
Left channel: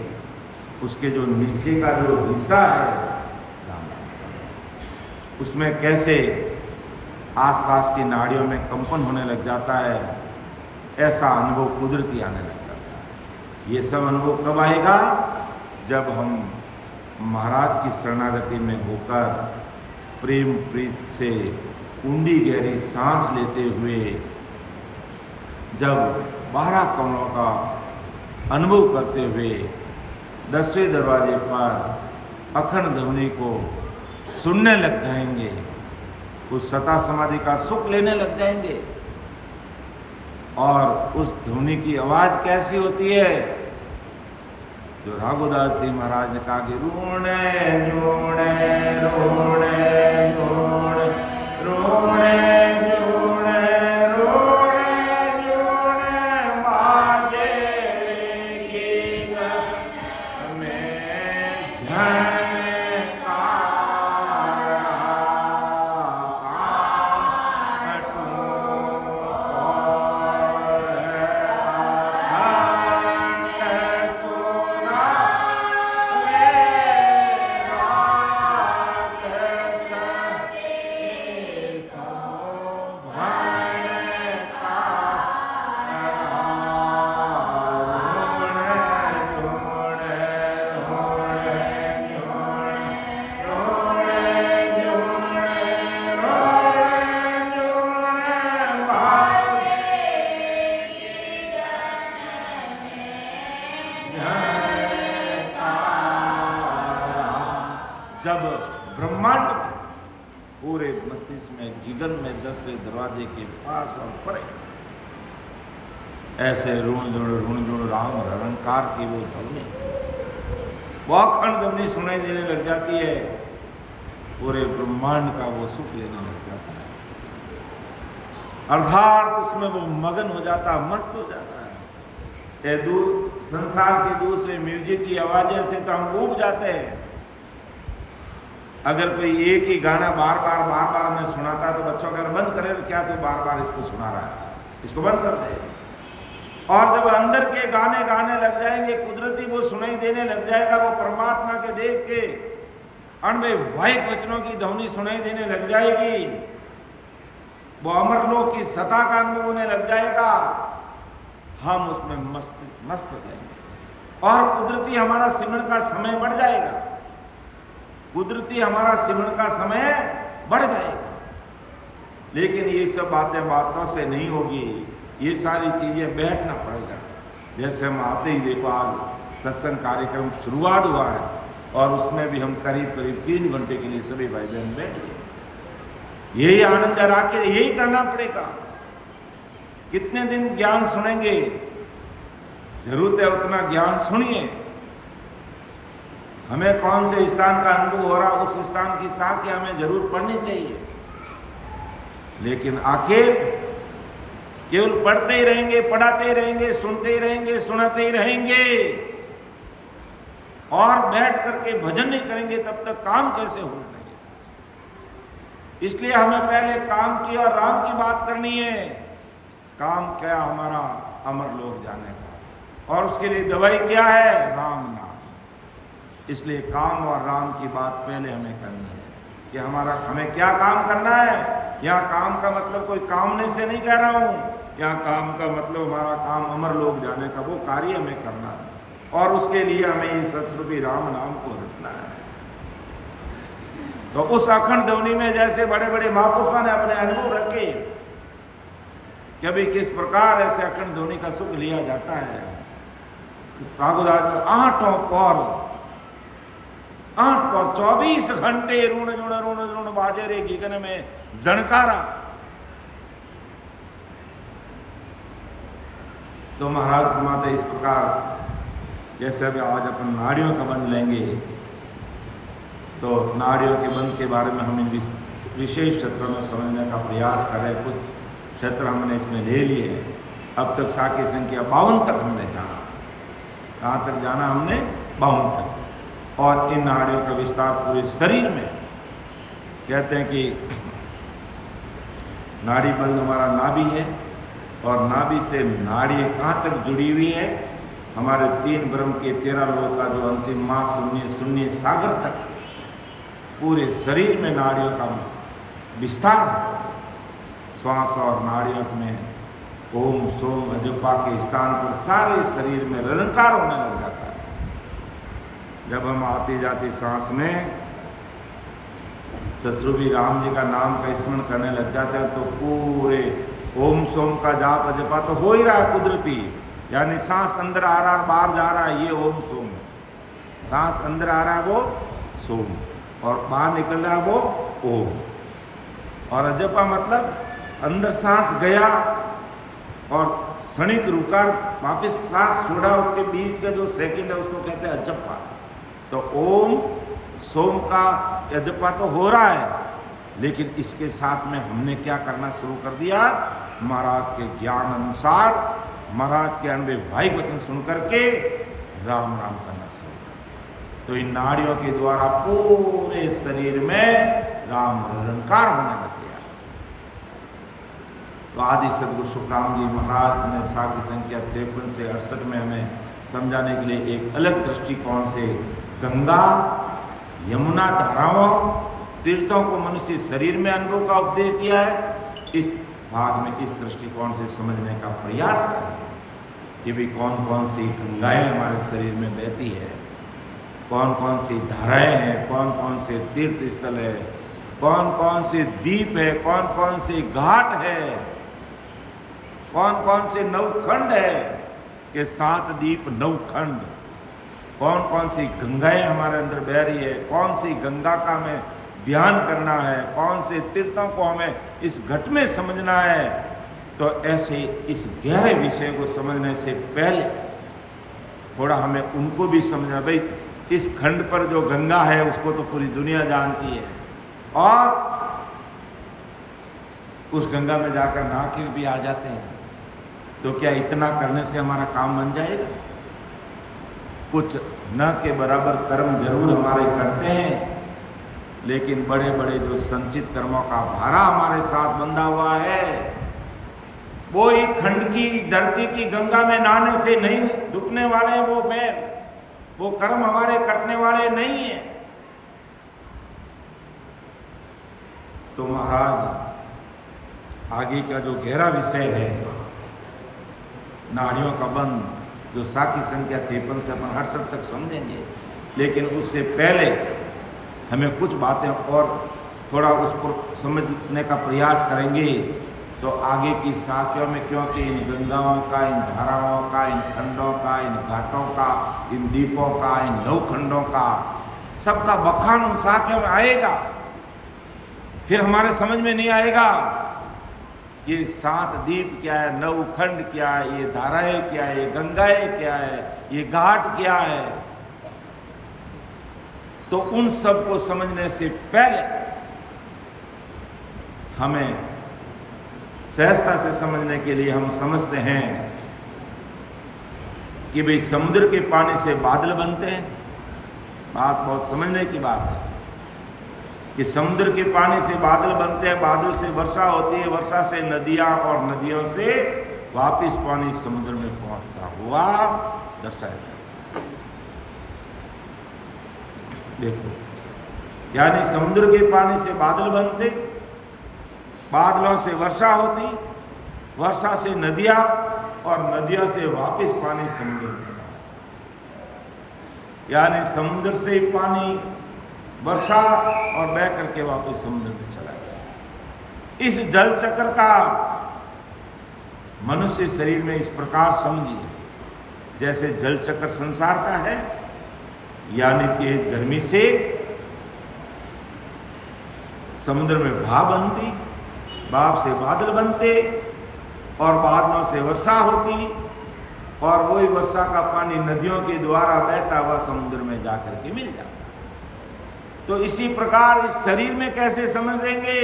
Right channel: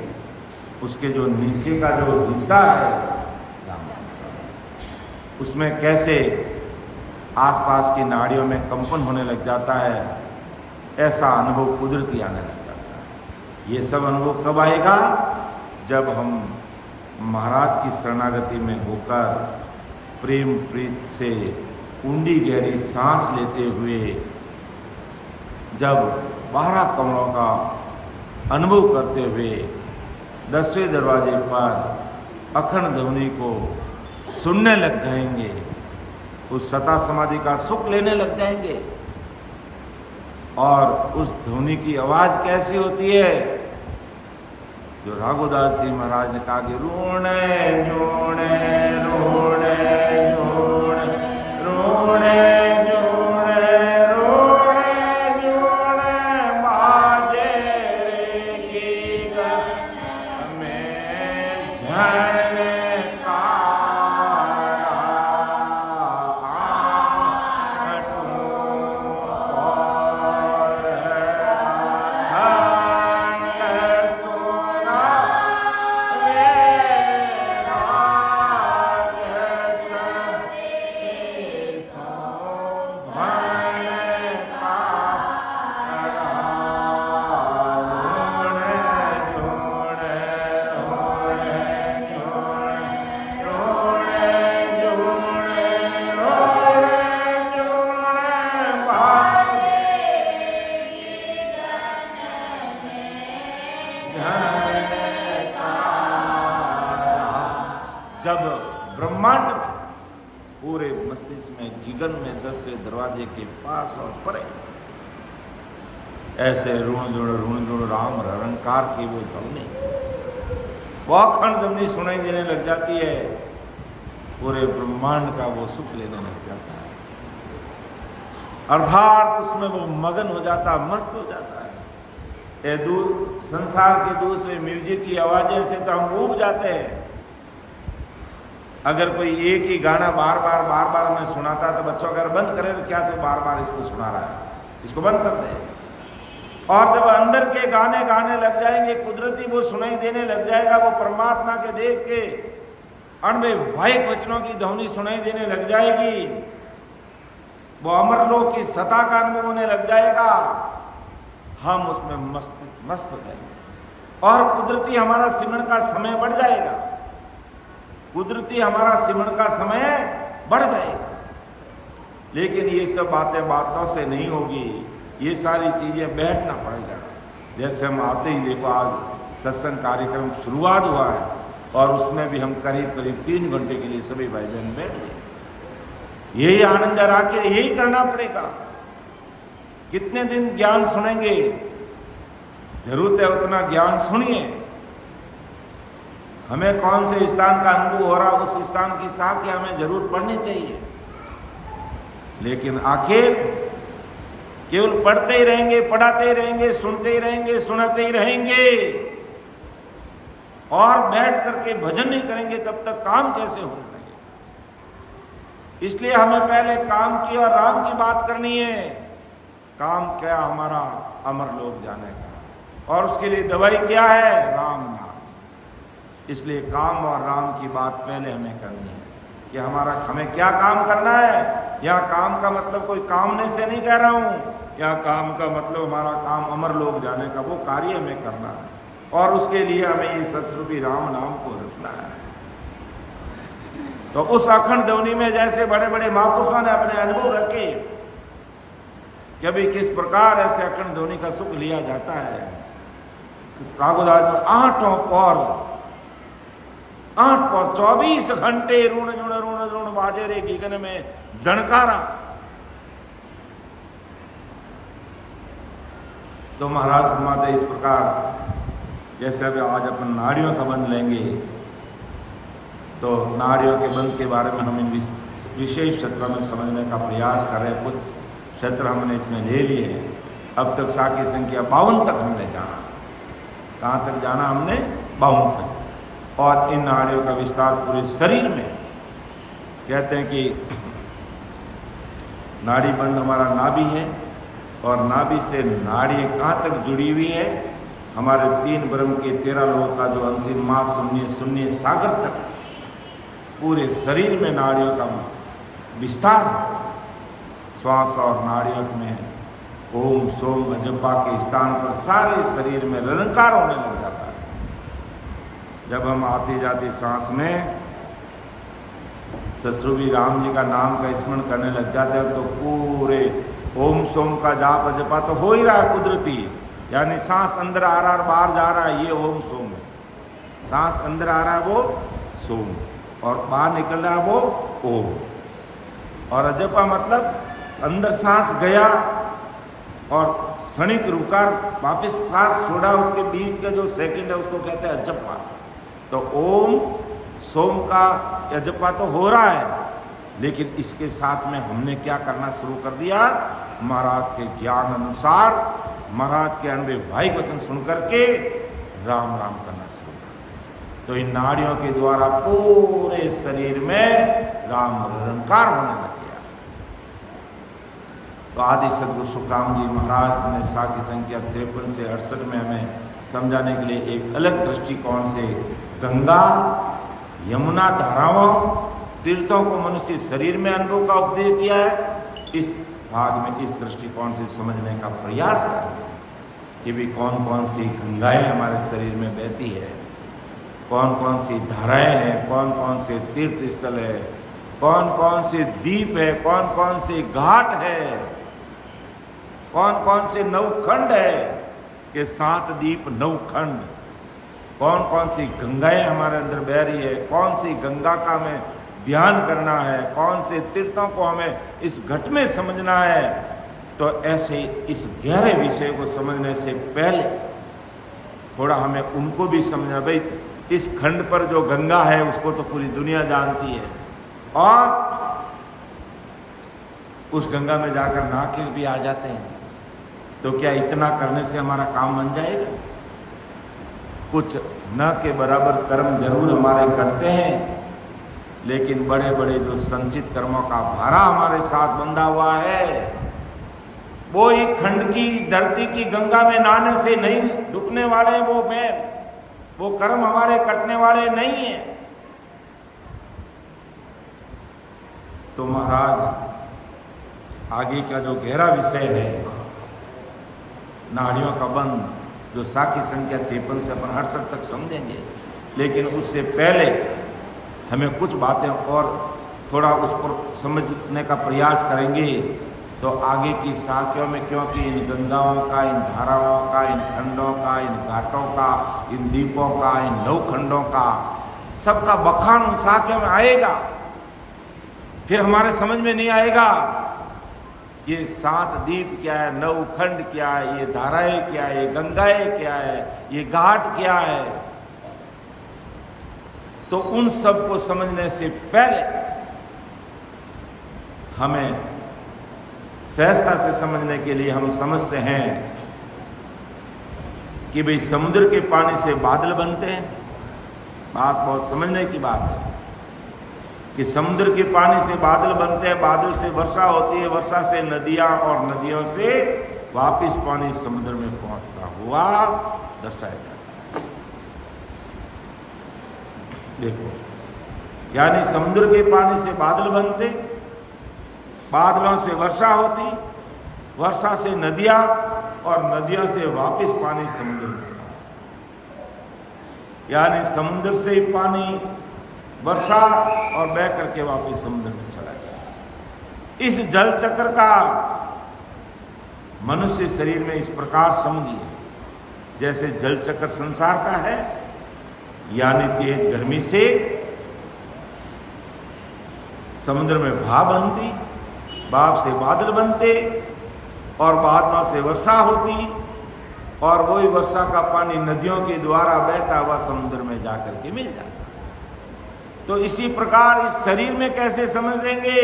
उसके जो नीचे का जो हिस्सा है उसमें कैसे आसपास की नाड़ियों में कंपन होने लग जाता है, ऐसा अनुभव कुदरती आने लग जाता है। ये सब अनुभव कब आएगा? जब हम महाराज की शरणागति में होकर प्रेम प्रीत से ऊंडी गहरी सांस लेते हुए जब 12 कमलों का अनुभव करते हुए 10वें दरवाजे पर अखंड ध्वनि को सुनने लग जाएंगे, उस सता समाधि का सुख लेने लग जाएंगे। और उस ध्वनि की आवाज कैसी होती है? जो राघुदास जी महाराज ने कहा कि रोणे जोणे रोणे जोणे रोणे जोणे रोणे जोणे बाजे की में झण जब ब्रह्मांड में पूरे मस्तिष्क में जिगन में 10वें दरवाजे के पास और परे ऐसे ऋण जुण राम रंकार की वो ध्वनि, वो अखंड ध्वनि सुनाई देने लग जाती है। पूरे ब्रह्मांड का वो सुख लेने लग जाता है, अर्थात उसमें वो मगन हो जाता, मस्त हो जाता है। संसार के दूसरे म्यूजिक की आवाजें से तो हम ऊब जाते हैं। अगर कोई एक ही गाना बार बार हमें सुनाता तो बच्चों अगर बंद करे तो क्या तो बार बार इसको सुना रहा है, इसको बंद कर दे। और जब अंदर के गाने गाने लग जाएंगे, कुदरती वो सुनाई देने लग जाएगा, वो परमात्मा के देश के अणवैवाहिक वचनों की ध्वनि सुनाई देने लग जाएगी, वो अमरलोक की सत्ता का अनुभव होने लग जाएगा, हम उसमें मस्त हो जाएंगे और कुदरती हमारा सिमरन का समय बढ़ जाएगा, कुदरती हमारा सिमरन का समय बढ़ जाएगा। लेकिन ये सब बातों से नहीं होगी, ये सारी चीजें बैठना पड़ेगा। जैसे हम आते ही देखो आज सत्संग कार्यक्रम शुरुआत हुआ है और उसमें भी हम करीब 3 घंटे के लिए सभी भाई बहन बैठ गए। यही आनंद आखिर यही करना पड़ेगा। कितने दिन ज्ञान सुनेंगे, जरूरत है उतना ज्ञान सुनिए। हमें कौन से स्थान का अनुभव हो रहा, उस स्थान की साक्ष्य हमें जरूर पढ़नी चाहिए। लेकिन आखिर केवल पढ़ते ही रहेंगे, पढ़ाते ही रहेंगे, सुनते ही रहेंगे, सुनाते ही रहेंगे और बैठ करके भजन नहीं करेंगे, तब तक काम कैसे होने लगेगा? इसलिए हमें पहले काम की और राम की बात करनी है। काम क्या हमारा अमर लोक जाने का, और उसके लिए दवाई क्या है? राम नाम। इसलिए काम और राम की बात पहले हमें करनी है कि हमें क्या काम करना है। यहाँ काम का मतलब कोई कामने से नहीं कह रहा हूँ, यहाँ काम का मतलब हमारा काम अमर लोक जाने का, वो कार्य हमें करना है और उसके लिए हमें ये सतरूपी राम नाम को रखना है। तो उस अखंड ध्वनि में जैसे बड़े बड़े महापुरुषों ने अपने अनुभव रखे कि अभी किस प्रकार ऐसे अखंड ध्वनि का सुख लिया जाता है। राघुदास में 8 पौर 24 घंटे ऋण ऋण बाजे रे गगन में जणकारा। तो महाराज माता इस प्रकार जैसे अभी आज अपन नाड़ियों का बंध लेंगे, तो नाड़ियों के बंध के बारे में हम इन विशेष क्षेत्रों में समझने का प्रयास कर रहे हैं। कुछ क्षेत्र हमने इसमें ले लिए हैं। अब तक साखी संख्या 52 तक हमने जाना। कहाँ तक जाना हमने? 52 तक। और इन नाड़ियों का विस्तार पूरे शरीर में। कहते हैं कि नाड़ी बंध हमारा नाभि है और नाभि से नाड़ी कहाँ तक जुड़ी हुई है? हमारे 3 ब्रह्म के 13 लोगों का जो अंतिम माँ शून्य सागर तक पूरे शरीर में नाड़ियों का विस्तार है। श्वास और नाड़ियों में ओम सोम अजपा के स्थान पर सारे शरीर में निरंकार होने लग जाता है। जब हम आती जाती सांस में सतरूपी राम जी का नाम का स्मरण करने लग जाते हैं, तो पूरे ओम सोम का जाप अजपा तो हो ही रहा है कुदरती, यानी सांस अंदर आ रहा है बाहर जा रहा है, ये ओम सोम है। सांस अंदर आ रहा है वो सोम और बाहर निकल रहा है वो ओम। और अजपा मतलब अंदर सांस गया और क्षणिक रुका, वापस सांस छोड़ा, उसके बीच का जो सेकंड है उसको कहते हैं अजपा। तो ओम सोम का अजपा तो हो रहा है, लेकिन इसके साथ में हमने क्या करना शुरू कर दिया? महाराज के ज्ञान अनुसार, महाराज के अणवैवाहिक वचन सुन करके राम राम करना शुरू कर दिया। तो इन नाड़ियों के द्वारा पूरे शरीर में राम निरंकार होने लग गया। तो आदि सदगुरु सुखराम जी महाराज ने साखी संख्या 53 से 68 में हमें समझाने के लिए एक अलग दृष्टिकोण से गंगा यमुना धाराओं तीर्थों को मनुष्य शरीर में अनुभव का उपदेश दिया है। इस भाग में इस दृष्टिकोण से समझने का प्रयास करेंगे कि भी कौन कौन सी गंगाएं हमारे शरीर में बहती है, कौन कौन सी धाराएं हैं, कौन कौन से तीर्थ स्थल है, कौन कौन से द्वीप है, कौन कौन से घाट है, कौन कौन से नवखंड है कि 7 द्वीप 9 खंड, कौन कौन सी गंगाएं हमारे अंदर बह रही है, कौन सी गंगा का हमें ध्यान करना है, कौन से तीर्थों को हमें इस घट में समझना है। तो ऐसे इस गहरे विषय को समझने से पहले थोड़ा हमें उनको भी समझना। भाई इस खंड पर जो गंगा है उसको तो पूरी दुनिया जानती है, और उस गंगा में जाकर नहा के भी आ जाते हैं। तो क्या इतना करने से हमारा काम बन जाएगा? कुछ न के बराबर कर्म जरूर हमारे करते हैं, लेकिन बड़े बड़े जो संचित कर्मों का भारा हमारे साथ बंधा हुआ है, वो एक खंड की धरती की गंगा में नहाने से नहीं डूबने वाले हैं। वो कर्म हमारे कटने वाले नहीं है। तो महाराज आगे का जो गहरा विषय है नाड़ियों का बंध, जो साखी संख्या 53 से अपन 68 तक समझेंगे, लेकिन उससे पहले हमें कुछ बातें और थोड़ा उस पर समझने का प्रयास करेंगे। तो आगे की साखियों में, क्योंकि इन गंगाओं का, इन धाराओं का, इन खंडों का, इन घाटों का, इन द्वीपों का, इन नवखंडों का, सबका बखान उन साखियों में आएगा। फिर हमारे समझ में नहीं आएगा ये 7 द्वीप क्या है, 9 खंड क्या है, ये धाराएं क्या है, ये गंगाएं क्या है, ये घाट क्या है। तो उन सब को समझने से पहले हमें सहजता से समझने के लिए हम समझते हैं कि भाई समुद्र के पानी से बादल बनते हैं। बात बहुत समझने की बात है कि समुद्र के पानी से बादल बनते हैं, बादल से वर्षा होती है, वर्षा से नदियां, और नदियों से वापस पानी समुद्र में पहुंचता हुआ दर्शाया जाता है। देखो, यानी समुद्र के पानी से बादल बनते, बादलों से वर्षा होती, वर्षा से नदियां, और नदियों से वापस पानी समुद्र में पहुंचता। यानी समुद्र से पानी वर्षा और बह करके वापस समुद्र में चला गया। इस जल चक्र का मनुष्य शरीर में इस प्रकार समझिए, जैसे जल चक्र संसार का है, यानी तेज गर्मी से समुद्र में भाप बनती, भाप से बादल बनते, और बादलों से वर्षा होती, और वही वर्षा का पानी नदियों के द्वारा बहता हुआ समुद्र में जाकर के मिल जाता है। तो इसी प्रकार इस शरीर में कैसे समझ लेंगे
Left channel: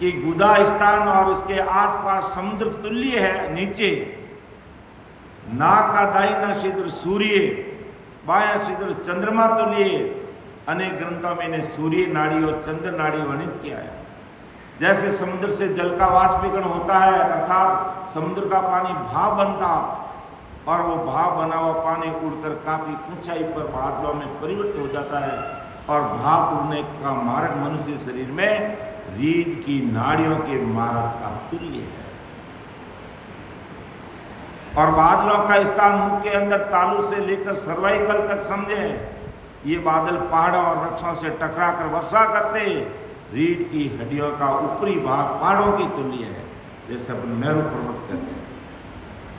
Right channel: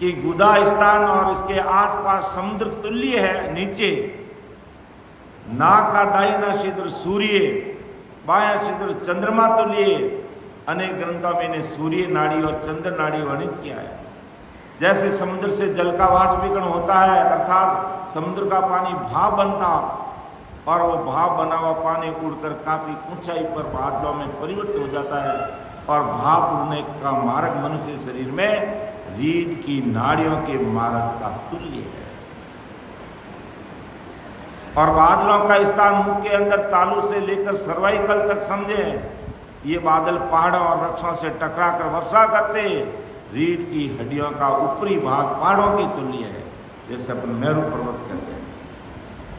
कि गुदा स्थान और इसके आसपास समुद्र तुल्य है। नीचे नाक का दाहिना छिद्र सूर्य, बायां छिद्र चंद्रमा तुल्य। अनेक ग्रंथों में इन्हें सूर्य नाड़ी और चंद्र नाड़ी वर्णित किया है। जैसे समुद्र से जल का वाष्पीकरण होता है, अर्थात समुद्र का पानी भाप बनता, और वो भाप बना हुआ पानी उड़कर काफी ऊंचाई पर बादलों में परिवर्तित हो जाता है, और भाप उड़ने का मार्ग मनुष्य शरीर में रीढ़ की नाड़ियों के मार्ग का तुल्य है। और बादलों का स्थान मुख के अंदर तालू से लेकर सर्वाइकल तक समझे। ये बादल पहाड़ों और वृक्षों से टकराकर वर्षा करते, रीढ़ की हड्डियों का ऊपरी भाग पहाड़ों की तुल्य है, जैसे अपन मेरू पर्वत कहते हैं।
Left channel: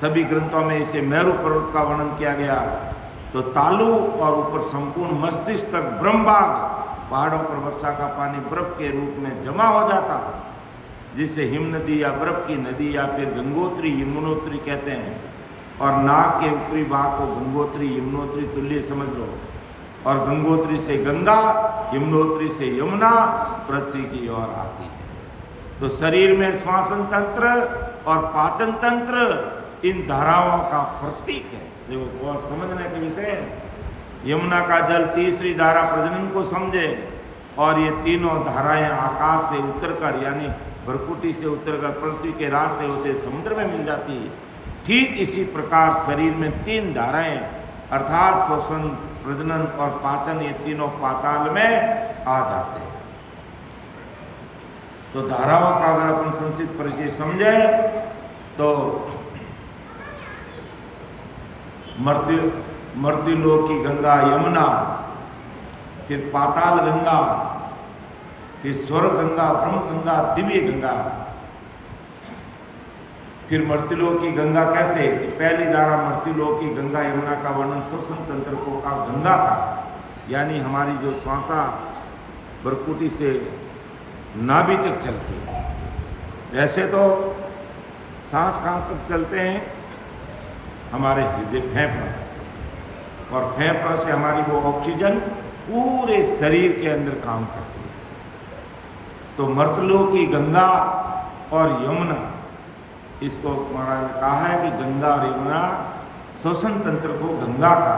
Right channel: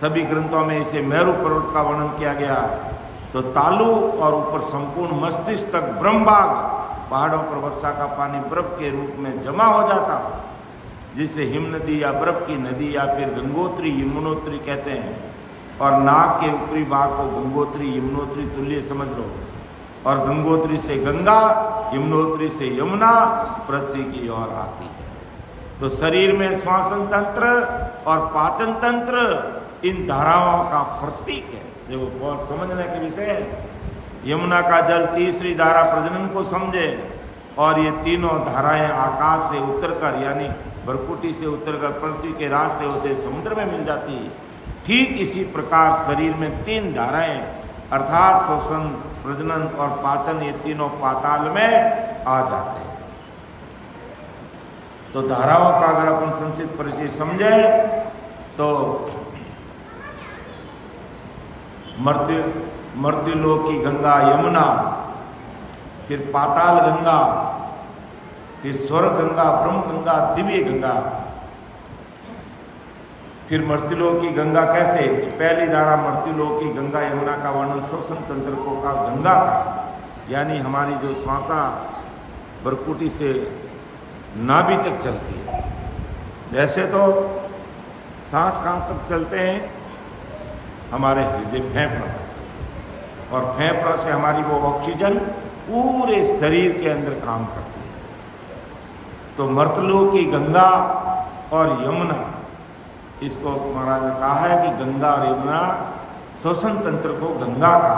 सभी ग्रंथों में इसे मेरू पर्वत का वर्णन किया गया। तो तालु और ऊपर संपूर्ण मस्तिष्क तक ब्रह्मभाग, पहाड़ों पर वर्षा का पानी बर्फ के रूप में जमा हो जाता, जिसे हिम नदी या बर्फ की नदी या फिर गंगोत्री यमुनोत्री कहते हैं। और नाक के ऊपरी भाग को गंगोत्री यमुनोत्री तुल्य समझ लो। और गंगोत्री से गंगा, यमुनोत्री से यमुना पृथ्वी की ओर आती है। तो शरीर में श्वासन तंत्र और पाचन तंत्र इन धाराओं का प्रतीक है। देखो, बहुत समझने के विषय है। यमुना का जल तीसरी धारा प्रजनन को समझे, और ये तीनों धाराएं आकाश से उतरकर, यानी बरकुटी से उतरकर पृथ्वी के रास्ते होते समुद्र में मिल जाती है। ठीक इसी प्रकार शरीर में 3 धाराएं, अर्थात श्वसन, प्रजनन और पाचन, ये तीनों पाताल में आ जाते हैं। तो धाराओं का अगर अपन संक्षिप्त परिचय समझे तो मर्त्युलोक की गंगा यमुना, फिर पाताल गंगा, फिर स्वर्ग गंगा, ब्रह्म गंगा, दिव्य गंगा। फिर मर्त्युलोक की गंगा कैसे? पहली धारा मर्त्युलोक की गंगा यमुना का वर्णन श्वसन तंत्र को का गंगा का, यानी हमारी जो श्वासा बरकुटी से नाभि तक चलती है। वैसे तो सांस कहाँ तक चलते हैं? हमारे हृदय फेफड़ा तक, और फेफड़ा से हमारी वो ऑक्सीजन पूरे शरीर के अंदर काम करती है। तो मर्त्युलोक की गंगा और यमुना, इसको महाराज ने कहा है कि गंगा और यमुना श्वसन तंत्र को गंगा का,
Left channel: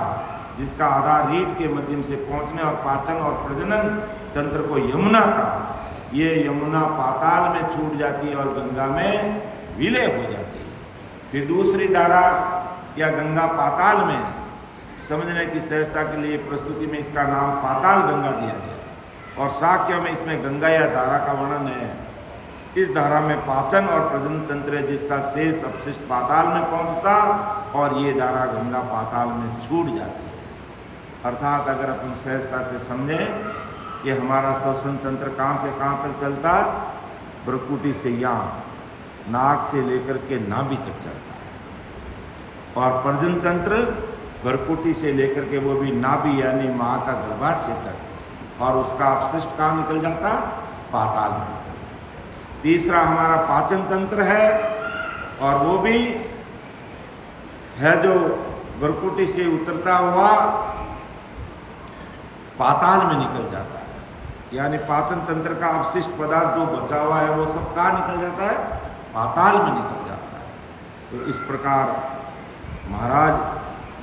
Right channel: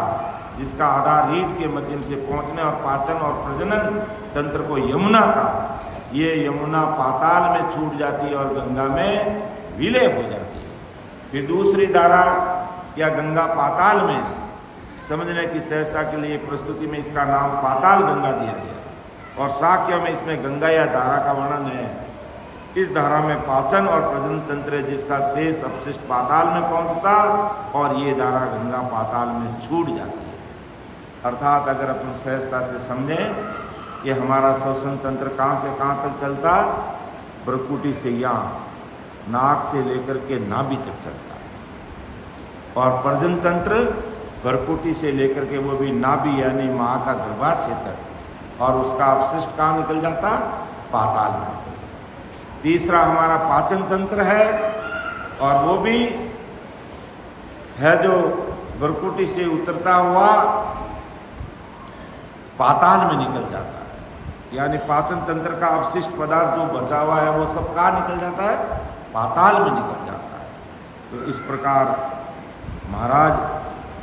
जिसका आधार रीढ़ के माध्यम से पहुंचने और पाचन और प्रजनन तंत्र को यमुना का, ये यमुना पाताल में छूट जाती है और गंगा में विलय हो जाती है। फिर दूसरी धारा या गंगा पाताल में, समझने की सहजता के लिए प्रस्तुति में इसका नाम पाताल गंगा दिया गया। और शाक्य में इसमें गंगा या धारा का वर्णन है। इस धारा में पाचन और प्रजनन तंत्र है, जिसका शेष अपशिष्ट पाताल में पहुंचता और ये धारा गंगा पाताल में छूट जाती है। अर्थात अगर अपन सहजता से समझें कि हमारा श्वसन तंत्र कहाँ से कहाँ तक चलता, भ्रुकुटी से यहाँ नाक से लेकर के नाभि तक चलता है, और प्रजनन तंत्र भ्रुकुटी से लेकर के वो भी नाभि यानी माँ का गर्भाशय तक, और उसका अपशिष्ट कहाँ निकल जाता, पाताल में। तीसरा हमारा पाचन तंत्र है, और वो भी है जो भ्रुकुटी से उतरता हुआ पाताल में निकल जाता है, यानी पाचन तंत्र का अपशिष्ट पदार्थ जो बचा हुआ है वो सब कहाँ निकल जाता है, पाताल में निकल जाता है। तो इस प्रकार महाराज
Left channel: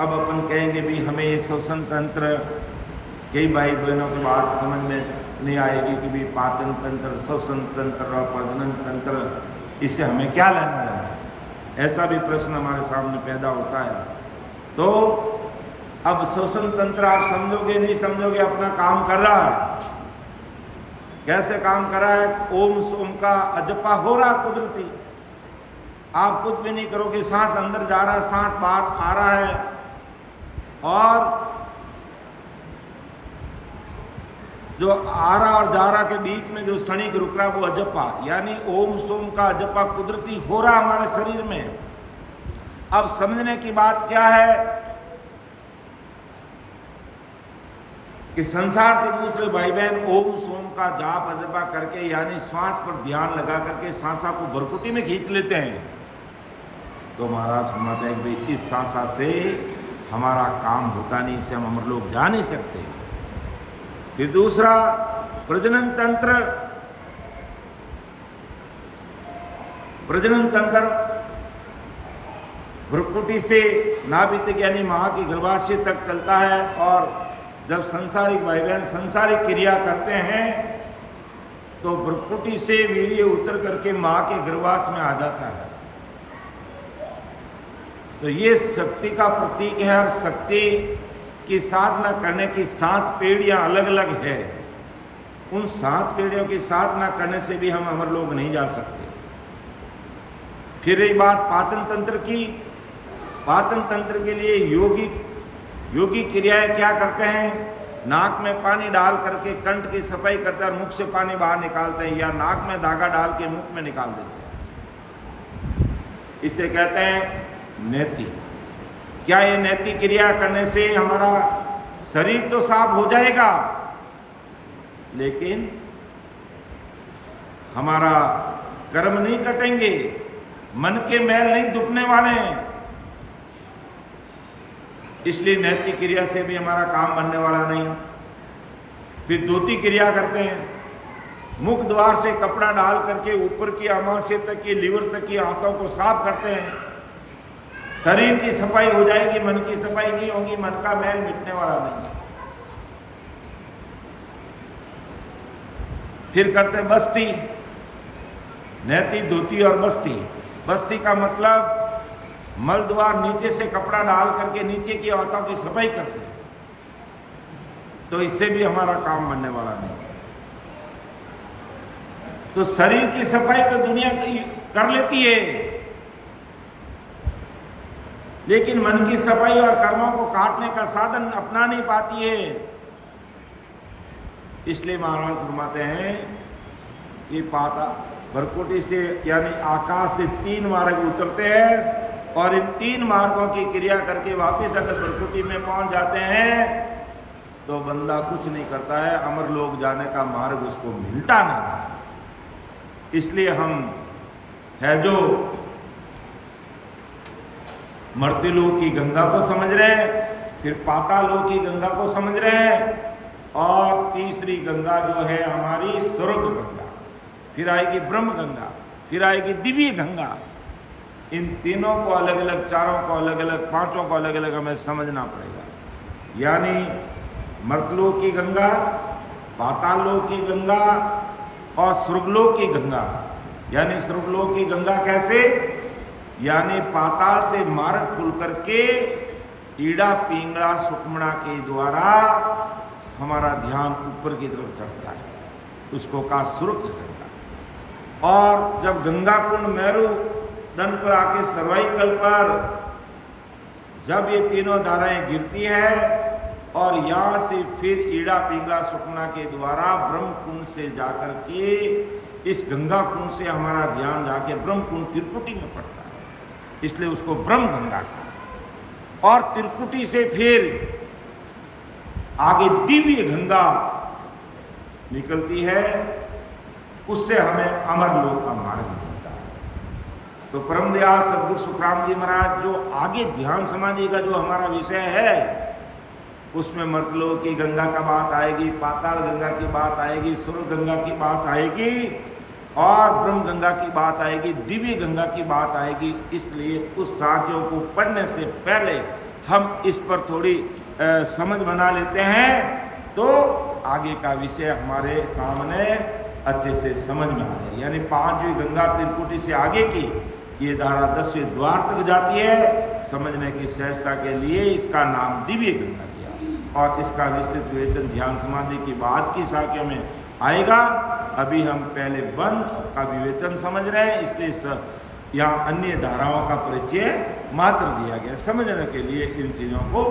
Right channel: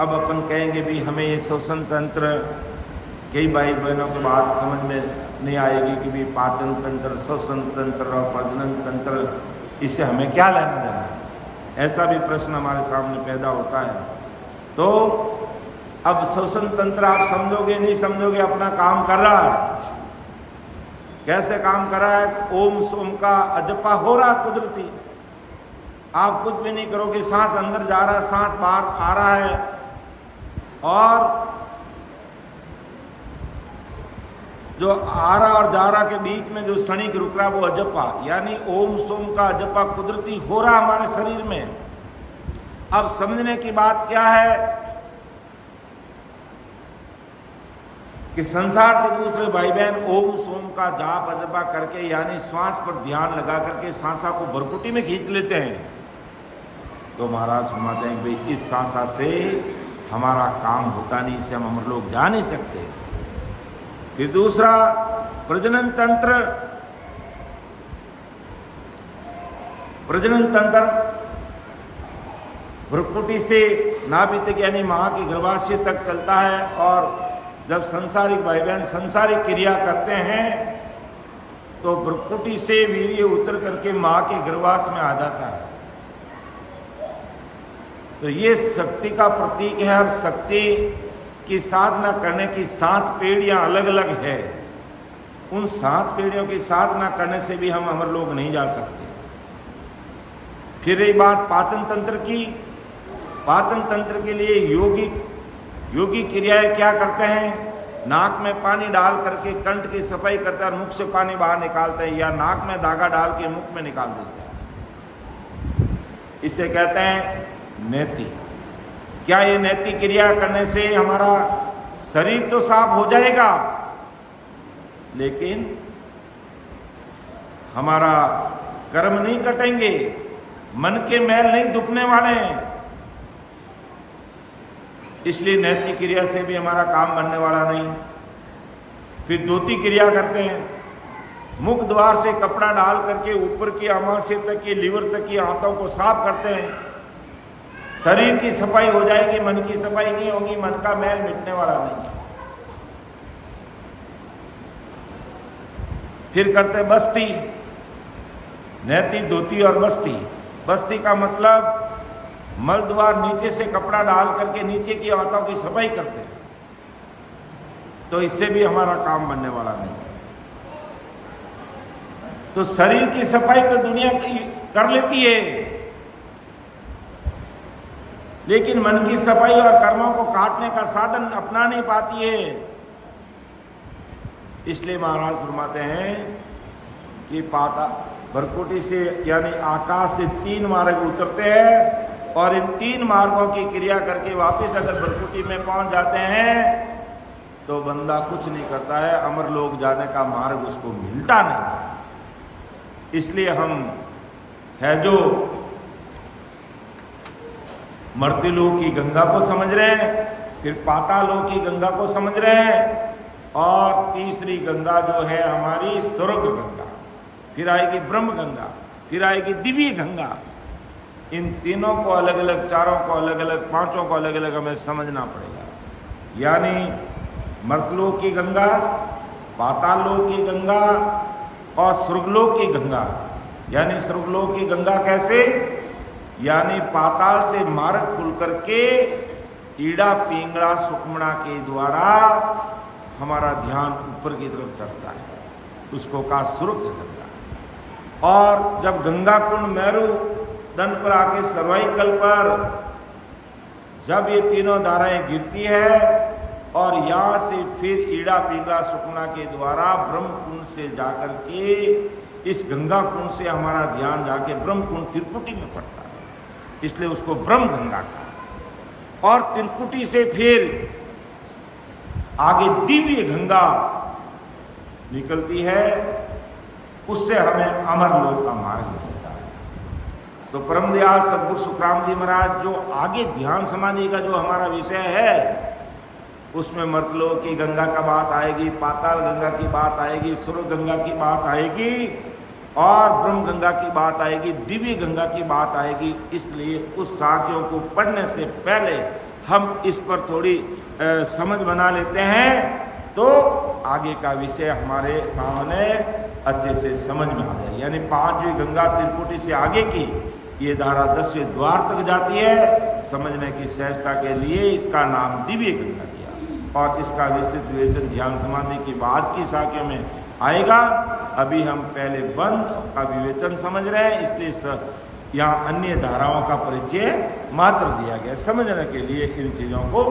अब अपन कहेंगे भी हमें ये श्वसन तंत्र, कई भाई बहनों के बात समझ में नहीं आएगी कि भी पाचन तंत्र, श्वसन तंत्र और प्रजनन तंत्र, इससे हमें क्या लेना देना है, ऐसा भी प्रश्न हमारे सामने पैदा होता है। तो अब श्वसन तंत्र आप समझोगे नहीं समझोगे, अपना काम कर रहा है। कैसे काम कर रहा है, ओम सोम का अजपा हो रहा कुदरती। आप कुछ भी नहीं करोगे, सांस अंदर जा रहा है, सांस बाहर आ रहा है, और जो आ रहा और जा रहा के बीच में जो क्षणिक रुक रहा वो अजपा, यानी ओम सोम का अजपा कुदरती हो रहा हमारे शरीर में। अब समझने की बात क्या है कि संसार के दूसरे भाई बहन ओम सोम का जाप अजपा करके, यानी श्वास पर ध्यान लगा करके सांसा को भ्रुकुटी में खींच लेते हैं। तो महाराज फरमाते हैं कि भाई इस सांसा से हमारा काम होता नहीं, इसे हम अमर लोग जा नहीं सकते। फिर दूसरा प्रजनन तंत्र, प्रजनन तंत्र भ्रुकुटी से नाभि तक यानी मां की गर्भाशय तक चलता है, और जब संसारिक भाई बहन संसारिक क्रिया करते हैं तो भ्रुकुटी से वीर्य उतर करके मां के गर्भाशय में आ जाता है। तो ये शक्ति का प्रतीक है, और शक्ति की साधना करने की 7 पीढ़ियां अलग अलग है। उन 7 पीढ़ियों की साधना करने से भी हम अमर लोग नहीं जा सकते। फिर रही बात पाचन तंत्र की, पाचन तंत्र के लिए योगी क्रियाएं क्या करते हैं, नाक में पानी डाल करके कंठ की सफाई करते हैं और मुख से पानी बाहर निकालते हैं, या नाक में धागा डाल के मुख में निकाल देते हैं। इसे कहते हैं नेति। क्या ये नैतिक क्रिया करने से हमारा शरीर तो साफ हो जाएगा, लेकिन हमारा कर्म नहीं कटेंगे, मन के मैल नहीं दुखने वाले हैं। इसलिए नैतिक क्रिया से भी हमारा काम बनने वाला नहीं। फिर धोती क्रिया करते हैं, मुख द्वार से कपड़ा डाल करके ऊपर की आमाशय तक की, लीवर तक की आंतों को साफ करते हैं। शरीर की सफाई हो जाएगी, मन की सफाई नहीं होगी, मन का मैल मिटने वाला नहीं है। फिर करते बस्ती, नैति, धोती और बस्ती। बस्ती का मतलब मल द्वार नीचे से कपड़ा डाल करके नीचे की आंतों की सफाई करते हैं। तो इससे भी हमारा काम बनने वाला नहीं है। तो शरीर की सफाई तो दुनिया कर लेती है, लेकिन मन की सफाई और कर्मों को काटने का साधन अपना नहीं पाती है। इसलिए महाराज फरमाते हैं कि भ्रुकुटी से यानी आकाश से 3 मार्ग उतरते हैं, और इन 3 मार्गों की क्रिया करके वापस अगर भ्रुकुटी में पहुंच जाते हैं तो बंदा कुछ नहीं करता है, अमर लोक जाने का मार्ग उसको मिलता नहीं। इसलिए हम है जो मर्त्यलोक की गंगा को समझ रहे हैं, फिर पातालोक की गंगा को समझ रहे हैं, और तीसरी गंगा जो है हमारी स्वर्ग गंगा, फिर आएगी ब्रह्म गंगा, फिर आएगी दिव्य गंगा। इन तीनों को अलग अलग, चारों को अलग अलग, 5 को अलग अलग हमें समझना पड़ेगा। यानी मर्त्यलोक की गंगा, पातालोक की गंगा और स्वर्गलोक की गंगा। यानी स्वर्गलोक की गंगा कैसे, यानी पाताल से मार्ग खुल करके ईड़ा पिंगला सुकमणा के द्वारा हमारा ध्यान ऊपर की तरफ चढ़ता है, उसको कहा सुरुख गंगा। और जब गंगा कुंड मेरू दंड पर आके सर्वाइकल पर जब ये तीनों धाराएं गिरती है और यहाँ से फिर ईड़ा पिंगला सुखना के द्वारा ब्रह्म कुंड से जाकर के इस गंगा कुंड से हमारा ध्यान जाके ब्रह्म कुंड त्रिकुटी में पड़ता है, इसलिए उसको ब्रह्म गंगा कहा। और त्रिकुटी से फिर आगे दिव्य गंगा निकलती है, उससे हमें अमर लोक का मार्ग मिलता है। तो परम दयाल सदगुरु सुखराम जी महाराज जो आगे ध्यान समाधि का जो हमारा विषय है उसमें मर्तलोक की गंगा का बात आएगी, पाताल गंगा की बात आएगी, सूर्य गंगा की बात आएगी और ब्रह्म गंगा की बात आएगी, दिव्य गंगा की बात आएगी। इसलिए उस साखियों को पढ़ने से पहले हम इस पर थोड़ी समझ बना लेते हैं, तो आगे का विषय हमारे सामने अच्छे से समझ में आ जाए। यानी 5वीं गंगा त्रिकुटी से आगे की ये धारा 10वें द्वार तक जाती है। समझने की सहजता के लिए इसका नाम दिव्य गंगा दिया और इसका विस्तृत विवेचन ध्यान समाधि की बाद की शाखा में आएगा। अभी हम पहले बंद का विवेचन समझ रहे हैं, इसलिए यहाँ अन्य धाराओं का परिचय मात्र दिया गया। समझने के लिए इन चीज़ों को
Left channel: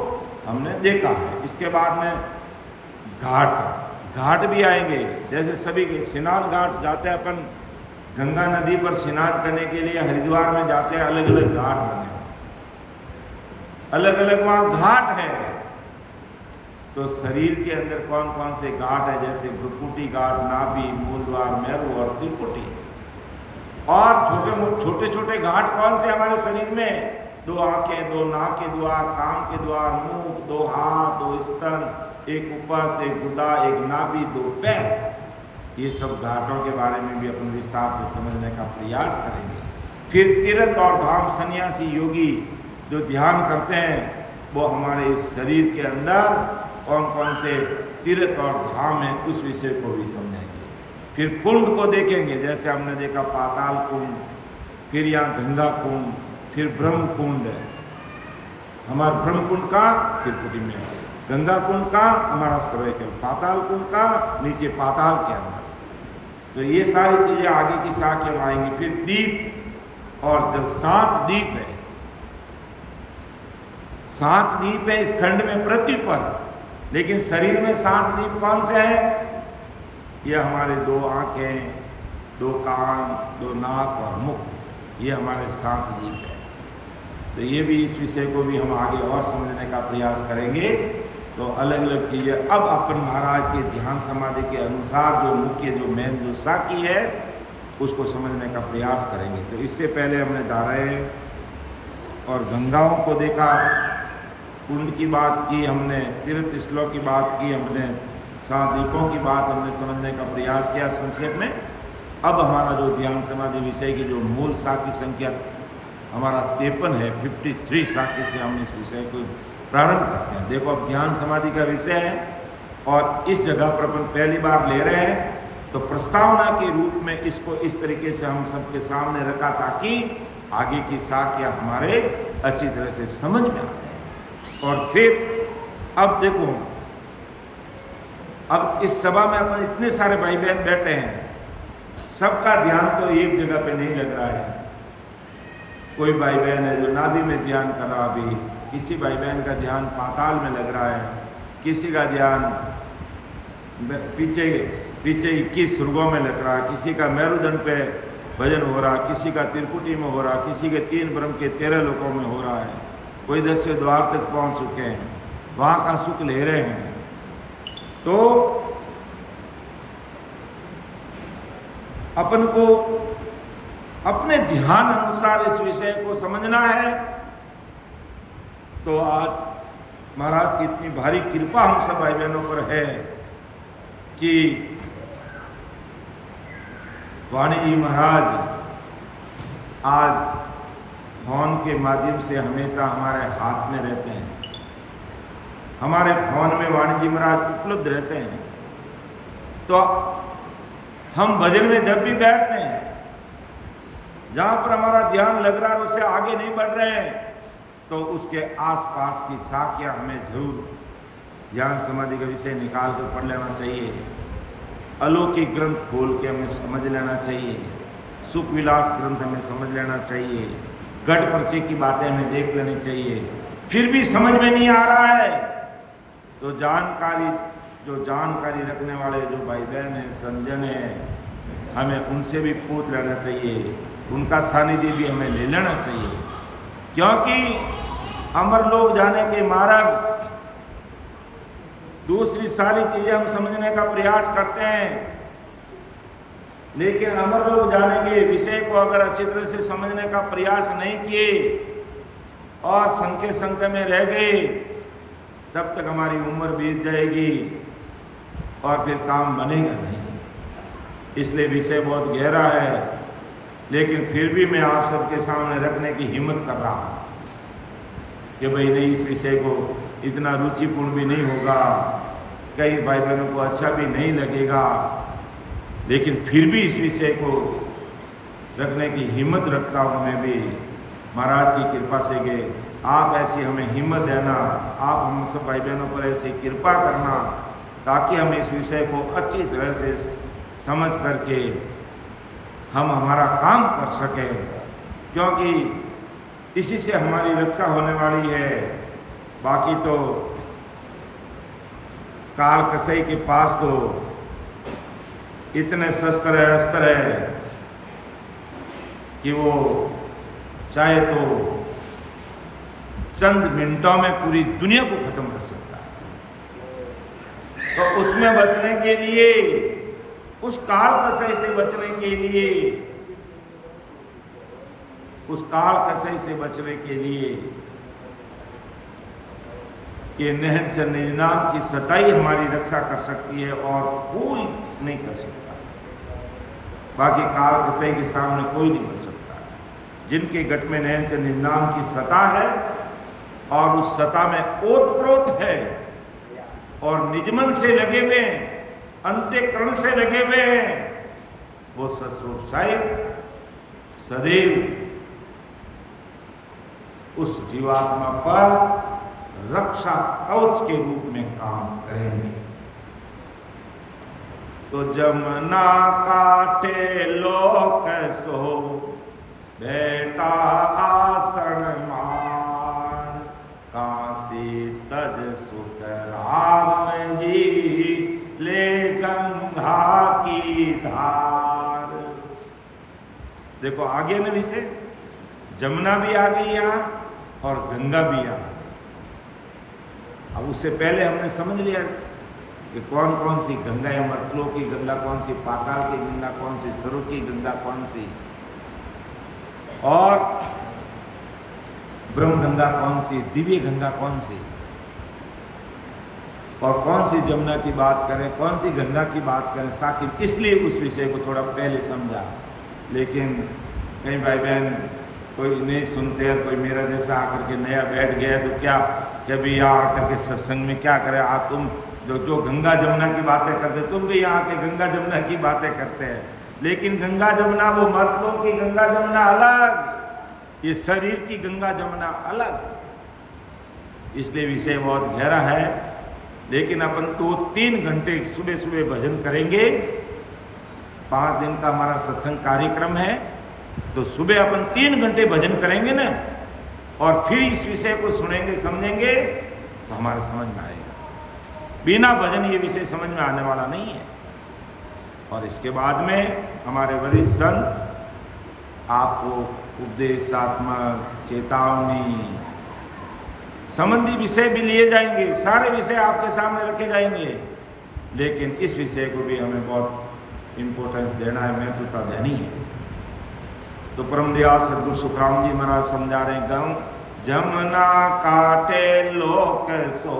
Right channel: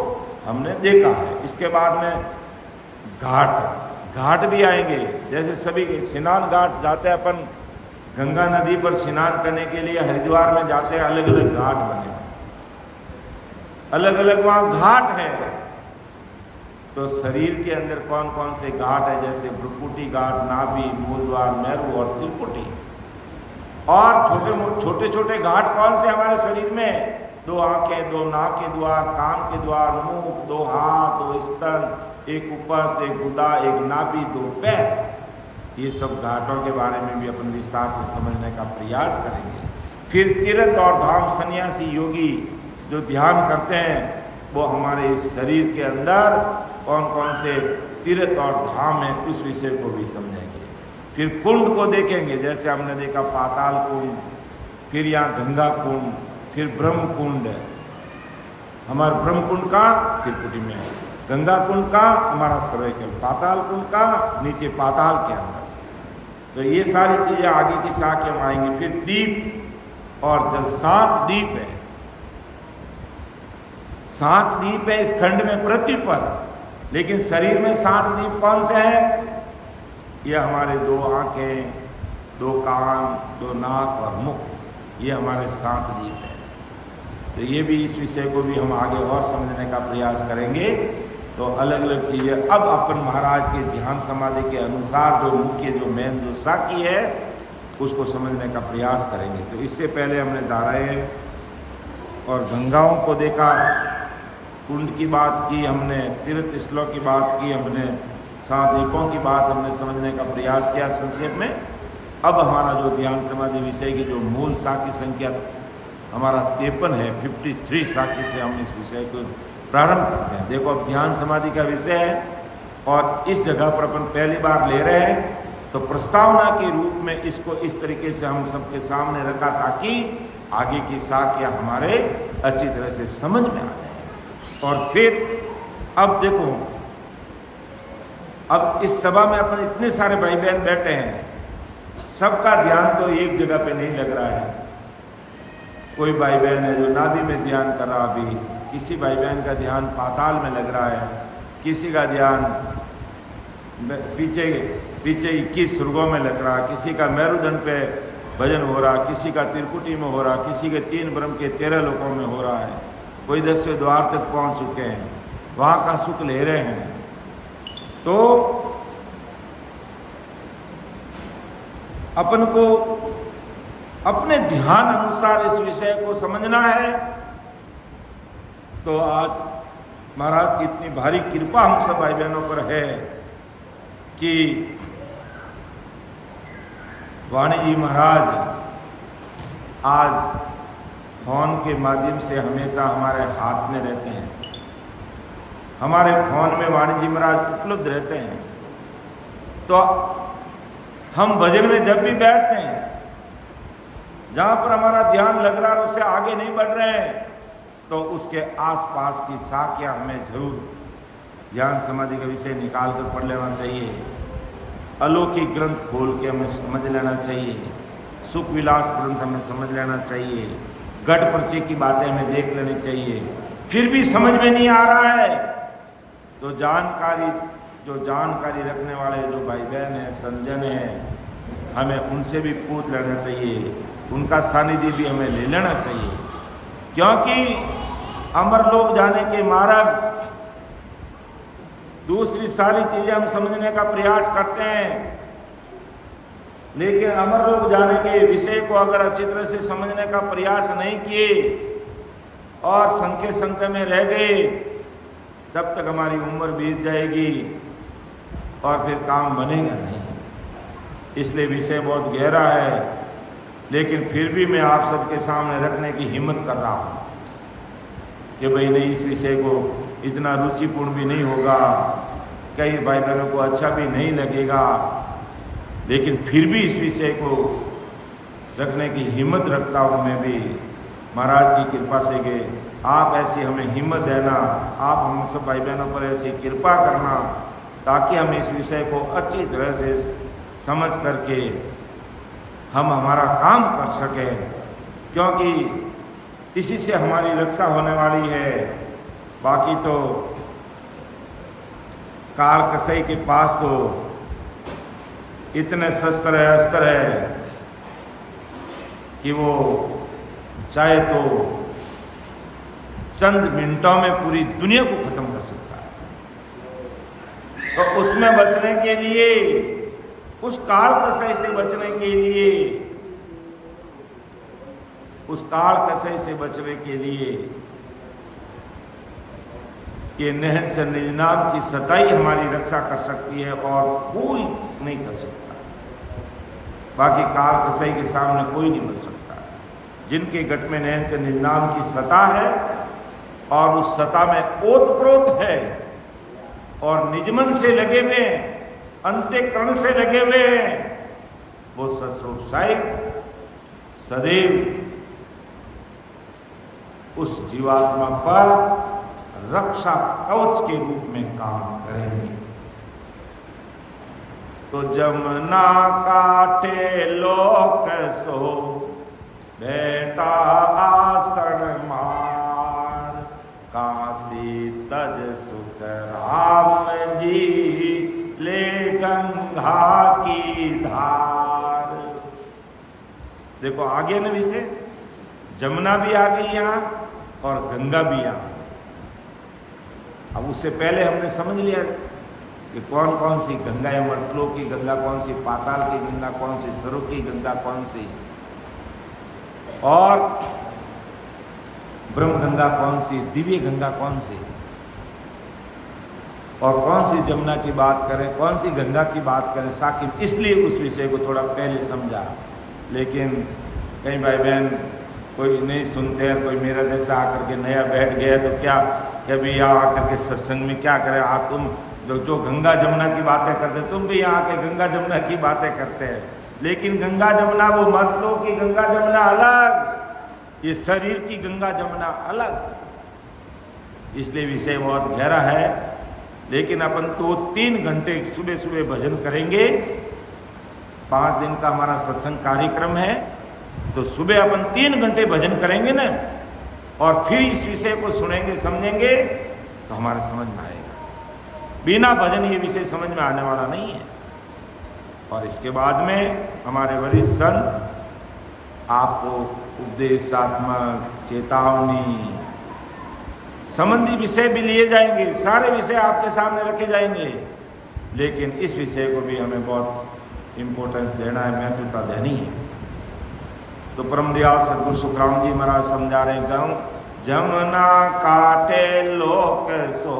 हमने देखा है। इसके बाद में घाट भी आएंगे। जैसे सभी के स्नान घाट जाते हैं अपन गंगा नदी पर स्नान करने के लिए हरिद्वार में जाते हैं, अलग अलग घाट बने, अलग अलग वहाँ घाट है। तो शरीर के अंदर कौन कौन से घाट है, जैसे भ्रुकुटी घाट, नाभि, मूलद्वार, मेरु और त्रिकुटी। और छोटे छोटे घाट कौन से हमारे शरीर में, 2 आंखें, 2 नाक के द्वार, कान के द्वार, मुंह, 2 हाथ, 2 स्तन, 1 उपस्थ, 1 गुदा, 1 नाभि, 2 पैर। ये सब घाटों के बारे में भी अपन विस्तार से समझने का प्रयास करेंगे। फिर तीर्थ और धाम, सन्यासी योगी जो ध्यान करते हैं वो हमारे इस शरीर के अंदर कौन कौन से तीर्थ और धाम है, उस विषय को भी समझेंगे। फिर कुंड को देखेंगे, जैसे हमने देखा पाताल कुंड, फिर यहाँ गंगा कुंड, फिर ब्रह्म कुंड है। हमारा ब्रह्म कुंड का त्रिकुटी में है, गंगा कुंड का हमारा सर्वाइकल, पाताल कुंड का नीचे पाताल के अंदर। तो ये सारी चीजें आगे की शाखा में आएंगी। फिर दीप और जल, 7 दीप है, 7 दीप है इस खंड में पृथ्वी पर, लेकिन शरीर में 7 दीप कौन से हैं? ये हमारे 2 आंखें, 2 कान, 2 नाक और मुख, ये हमारे 7 दीप है। तो ये भी, इस विषय को भी हम आगे और समझने का प्रयास करेंगे। तो अलग अलग चीज़ें अब अपन महाराज के ध्यान समाधि के अनुसार जो मुख्य जो मेन जो साखी है उसको समझने का प्रयास करेंगे। तो इससे पहले हमने धाराएं और गंगाओं को देखा, कुंड की बात की हमने, तीर्थ स्थलों की बात की हमने, 7 दीपों की बात हमने समझने का प्रयास किया संक्षेप में। अब हमारा जो ध्यान समाधि विषय की जो मूल साखी संख्या हमारा 53 है, 53 साखी से हम इस विषय को प्रारंभ करते हैं। देखो अब ध्यान समाधि का विषय है और इस जगह पर अपन पहली बार ले रहे हैं, तो प्रस्तावना के रूप में इसको इस तरीके से हम सबके सामने रखा ताकि आगे की साखियाँ हमारे अच्छी तरह से समझ में आ जाए। और फिर अब देखो, अब इस सभा में अपन इतने सारे भाई बहन बैठे हैं, सबका ध्यान तो एक जगह पे नहीं लग रहा है। कोई भाई बहन है जो नाभि में ध्यान कर रहा, अभी किसी भाई बहन का ध्यान पाताल में लग रहा है, किसी का ध्यान पीछे 21 सुर्गों में लग रहा, किसी का मेरुदंड पे भजन हो रहा, किसी का त्रिकुटी में हो रहा, किसी के 3 ब्रह्म के 13 लोकों में हो रहा है, कोई 10वें द्वार तक पहुंच चुके हैं, वहाँ का सुख ले रहे हैं। तो अपन को अपने ध्यान अनुसार इस विषय को समझना है। तो आज महाराज की इतनी भारी कृपा हम सब भाई बहनों पर है कि वाणी जी महाराज आज फोन के माध्यम से हमेशा हमारे हाथ में रहते हैं। हमारे फोन में वाणी जी महाराज उपलब्ध रहते हैं। तो हम भजन में जब भी बैठते हैं, जहाँ पर हमारा ध्यान लग रहा है उससे आगे नहीं बढ़ रहे हैं, तो उसके आसपास की साखियाँ हमें जरूर ज्ञान समाधि का विषय निकाल कर पढ़ लेना चाहिए। अलौकिक ग्रंथ खोल के हमें समझ लेना चाहिए। सुख विलास ग्रंथ हमें समझ लेना चाहिए। गढ़ पर्चे की बातें हमें देख लेनी चाहिए। फिर भी समझ में नहीं आ रहा है तो जानकारी रखने वाले जो भाई बहन हैं, संजन हैं, हमें उनसे भी पूछ लेना चाहिए। उनका सानिध्य भी हमें ले लेना चाहिए, क्योंकि अमरलोक जाने के मार्ग, दूसरी सारी चीजें हम समझने का प्रयास करते हैं, लेकिन अमरलोक जाने के विषय को अगर अच्छी तरह से समझने का प्रयास नहीं किए और संख्या में रह गए, तब तक हमारी उम्र बीत जाएगी और फिर काम बनेगा नहीं। इसलिए विषय बहुत गहरा है, लेकिन फिर भी मैं आप सबके सामने रखने की हिम्मत कर रहा हूँ कि भाई नहीं, इस विषय को इतना रुचिपूर्ण भी नहीं होगा, कई भाई बहनों को अच्छा भी नहीं लगेगा, लेकिन फिर भी इस विषय को रखने की हिम्मत रखता हूँ मैं भी, महाराज की कृपा से। कि आप ऐसी हमें हिम्मत देना, आप हम सब भाई बहनों पर ऐसी कृपा करना, ताकि हम इस विषय को अच्छी तरह से समझ करके हम हमारा काम कर सकें, क्योंकि इसी से हमारी रक्षा होने वाली है। बाकी तो काल कसई के पास तो इतने अस्त्र है कि वो चाहे तो चंद मिनटों में पूरी दुनिया को खत्म कर सकता है। तो उसमें बचने के लिए, उस काल कसई से बचने के लिए, उस काल कसई से बचने के लिए ये निहंच निज नाम की सताई हमारी रक्षा कर सकती है और कोई नहीं कर सकता। बाकी काल कसई के सामने कोई नहीं बच सकता। जिनके गट में निहंच निज नाम की सता है और उस सता में ओतप्रोत है और निजमन से लगे हुए, अंत्यकरण से लगे हुए हैं, वो सतस्वरूप साहिब सदैव उस जीवात्मा पर रक्षा कवच के रूप में काम करेंगे। तो जमुना काटे लोक सो बेटा आसन मार, काशी तज सुख राम जी ले गंगा की धार। देखो आगे ना विषय, जमुना भी आ गई यहाँ और गंगा भी यहाँ। अब उससे पहले हमने समझ लिया कि कौन कौन सी गंगा है, मर्तलोक की गंगा कौन सी, पाताल की गंगा कौन सी, स्वरूप की गंगा कौन सी, और ब्रह्म गंगा कौन सी, दिव्य गंगा कौन सी, और कौन सी जमुना की बात करें, कौन सी गंगा की बात करें साकिब। इसलिए उस विषय को थोड़ा पहले समझा, लेकिन कई भाई बहन कोई नहीं सुनते हैं, कोई मेरा जैसा आकर के नया बैठ गया तो क्या कभी यहाँ आकर के सत्संग में क्या करें, तुम जो गंगा जमुना की बातें करते, तुम भी यहाँ आके गंगा जमुना की बातें करते हैं। लेकिन गंगा जमुना वो मर्तलोक की गंगा जमुना अलग, ये शरीर की गंगा जमुना अलग। इसलिए विषय बहुत गहरा है, लेकिन अपन 2-3 घंटे सुबह सुबह भजन करेंगे। 5 दिन का हमारा सत्संग कार्यक्रम है, तो सुबह अपन 3 घंटे भजन करेंगे ना, और फिर इस विषय को सुनेंगे, समझेंगे, तो हमारे समझ में आएगा। बिना भजन ये विषय समझ में आने वाला नहीं है। और इसके बाद में हमारे वरिष्ठ संत आपको उपदेशात्मक, चेतावनी संबंधी विषय भी लिए जाएंगे, सारे विषय आपके सामने रखे जाएंगे, लेकिन इस विषय को भी हमें बहुत इम्पोर्टेंस देना है, महत्वता देनी है। तो परम दयाल सदगुरु सुखराम जी महाराज समझा रहे गाँव, जमुना काटे लोक सो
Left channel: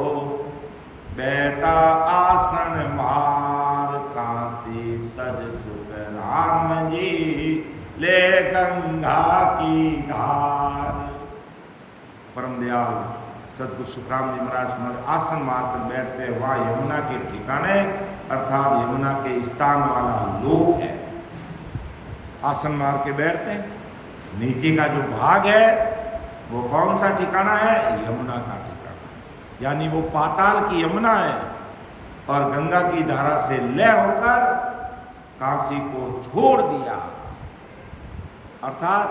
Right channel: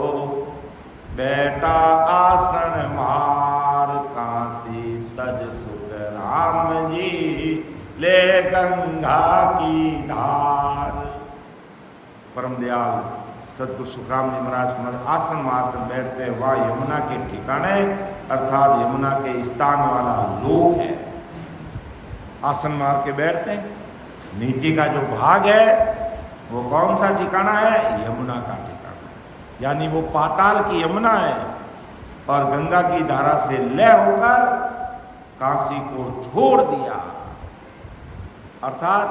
बेटा आसन मार, काशी तज सुख राम जी ले गंगा की धार। परम दयाल सदगुरु सुखराम जी महाराज आसन मारकर बैठते हैं, वह यमुना के ठिकाने अर्थात यमुना के स्थान वाला लोक है। आसन मार के बैठते हैं, नीचे का जो भाग है वो कौन सा ठिकाना है, यमुना का ठिकाना। यानी वो पाताल की यमुना है और गंगा की धारा से लय होकर काशी को छोड़ दिया। अर्थात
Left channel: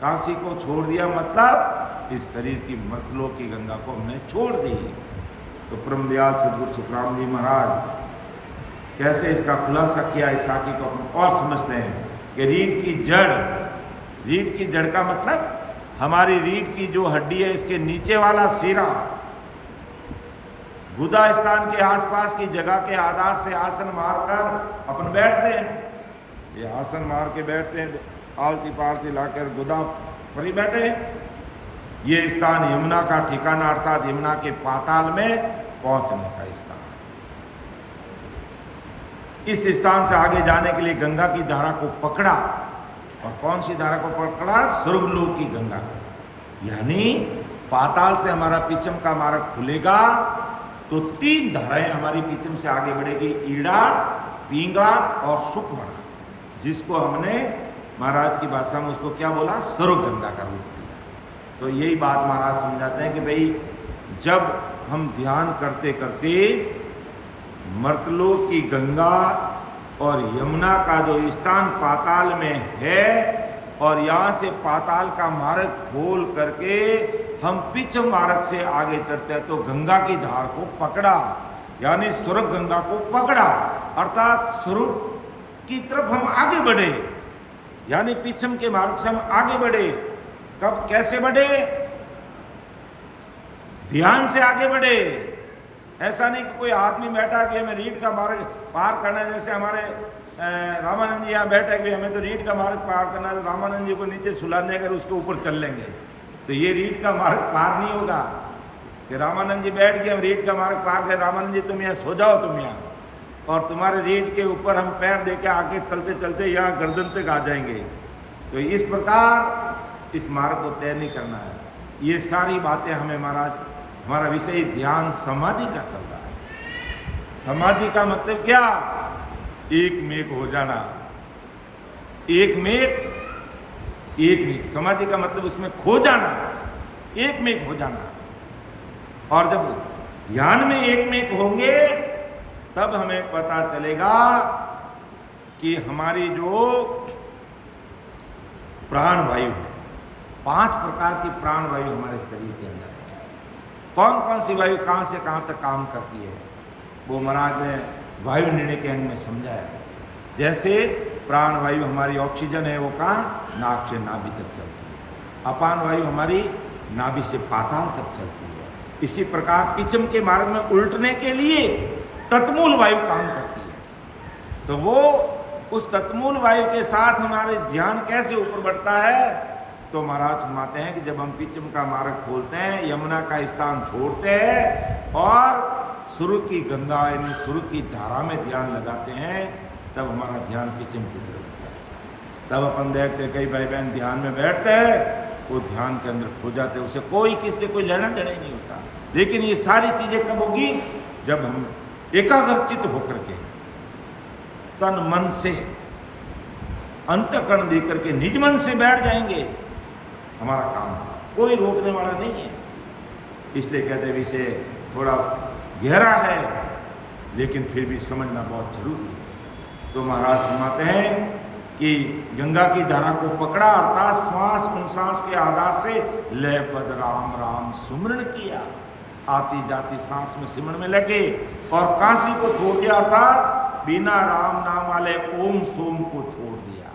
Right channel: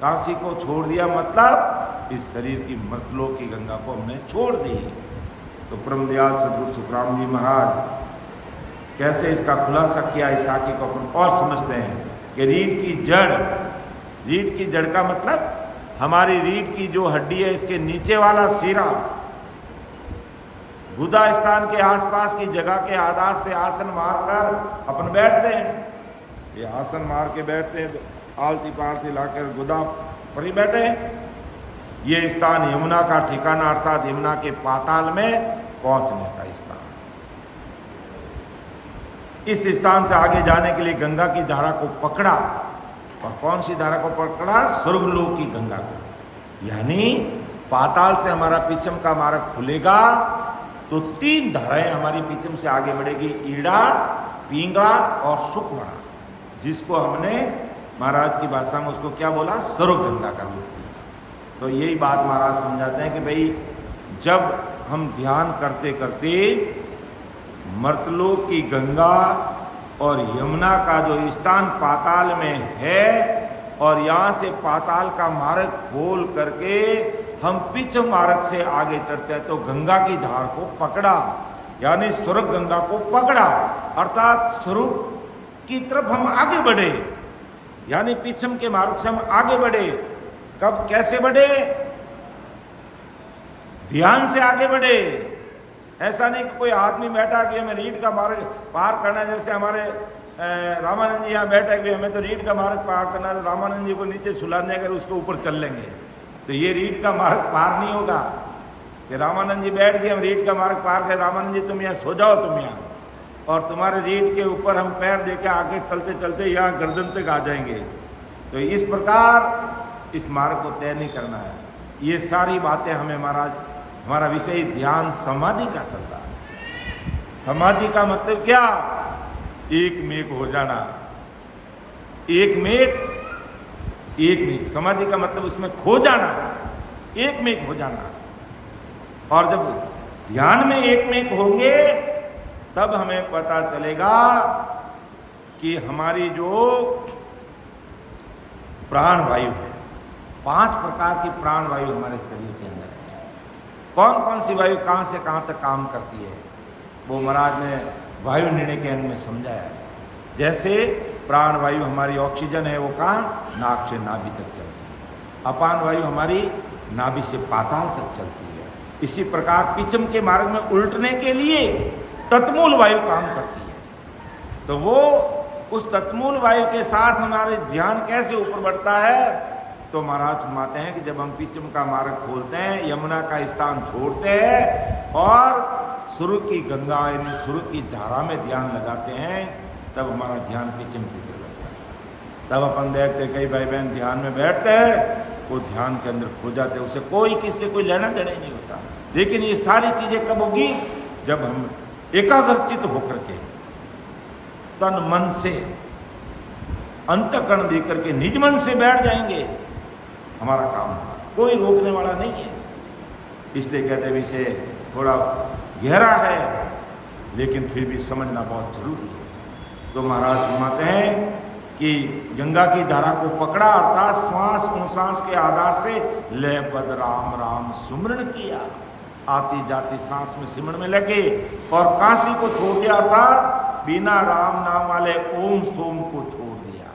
काशी को छोड़ दिया मतलब इस शरीर की मृतलोक की गंगा को हमने छोड़ दी। तो परमदयाल सदगुरु सुखराम जी महाराज कैसे इसका खुलासा किया, इस साखी को अपन और समझते हैं कि रीढ़ की जड़ का मतलब हमारी रीढ़ की जो हड्डी है इसके नीचे वाला सिरा, गुदा स्थान के आसपास की जगह के आधार से आसन मारकर अपन बैठते हैं। ये आसन मार के बैठते हैं, आलती पालती लाकर गुदा पर ही बैठे हैं। ये स्थान यमुना का ठिकाना अर्थात यमुना के पाताल में पहुंचने का स्थान। इस स्थान से आगे जाने के लिए गंगा की धारा को पकड़ा, और कौन सी धारा को पकड़ा? स्वर्गलोक की गंगा को। यानी पाताल से हमारा पीछम का मार्ग खुलेगा तो 3 धाराएं हमारी पीछम से आगे बढ़ेगी, ईड़ा, पिंगला और सुखवड़ा, जिसको हमने महाराज की भाषा में उसको क्या बोला? सर्व गंगा का रूप दिया। तो यही बात महाराज समझाते हैं कि भाई जब हम ध्यान करते करते मर्तलोक की गंगा और यमुना का जो स्थान पाताल में है और यहाँ से पाताल का मार्ग खोल करके हम पिछ मार्ग से आगे चढ़ते हैं तो गंगा की धार को पकड़ा, यानी स्वर्ग गंगा को पकड़ा, अर्थात स्वरूप की तरफ हम आगे बढ़े, यानी पिछम के मार्ग से हम आगे बढ़े। कब, कैसे बढ़े? ध्यान से आगे बढ़े। ऐसा नहीं कि कोई आदमी बैठा कि हमें रीढ़ का मार्ग पार करना है, जैसे हमारे रामानंद जी यहाँ बैठे कि हमें तो रीढ़ का मार्ग पार करना है, रामानंद जी को नीचे सुला दें अगर उसके ऊपर चल लेंगे तो ये रीढ़ का मार्ग पार नहीं होगा। कि रामानंद जी बैठ गए, हम रीढ़ का मार्ग पार कर, रामानंद जी तुम यहाँ सो जाओ, तुम यहाँ, और तुम्हारे रीढ़ के ऊपर हम पैर दे के आगे चलते चलते यहाँ गर्दन तक आ जाएंगे। तो इस प्रकार इस मार्ग को तय नहीं करना है। ये सारी बातें हमें महाराज, हमारा विषय ध्यान समाधि का चल रहा है। समाधि का मतलब क्या? एक मेक हो जाना, एक मेक समाधि का मतलब उसमें खो जाना, एक मेक हो जाना। और जब ध्यान में एक मेक होंगे तब हमें पता चलेगा कि हमारी जो प्राण वायु है, 5 प्रकार की प्राण वायु हमारे शरीर के अंदर है। कौन कौन सी वायु कहाँ से कहाँ तक काम करती है वो महाराज ने वायु निर्णय के अंग में समझाया है। जैसे प्राण वायु हमारी ऑक्सीजन है, वो कहाँ? नाक से नाभि तक चलती है। अपान वायु हमारी नाभि से पाताल तक चलती है। इसी प्रकार पिछम के मार्ग में उल्टने के लिए तत्मूल वायु काम करती है। तो वो उस तत्मूल वायु के साथ हमारे ध्यान कैसे ऊपर बढ़ता है? तो महाराज फरमाते हैं कि जब हम पिछम का मार्ग खोलते हैं, यमुना का स्थान छोड़ते हैं और सुर की गंगा यानी सुर की धारा में ध्यान लगाते हैं, तब हमारा ध्यान पिछम की तरफ लगता है। तब अपन देखते कई भाई बहन ध्यान में बैठते हैं, वो ध्यान के अंदर खो जाते हैं, उसे कोई किससे कोई लेना देना नहीं होता। लेकिन ये सारी चीजें कब होगी? जब हम एकाग्रचित होकर के तन मन से अंतःकरण देकर के निज मन से बैठ जाएंगे, हमारा काम होगा, कोई रोकने वाला नहीं है। इसलिए कहते हैं विषय थोड़ा गहरा है लेकिन फिर भी समझना बहुत जरूरी है। तो महाराज फरमाते हैं कि गंगा की धारा को पकड़ा अर्थात श्वास अनुश्वास के आधार से लयबद्ध राम राम सुमरण किया, आती जाती सांस में सिमरण में लगे और काशी को छोड़ दिया अर्थात बिना राम नाम वाले ओम सोम को छोड़ दिया।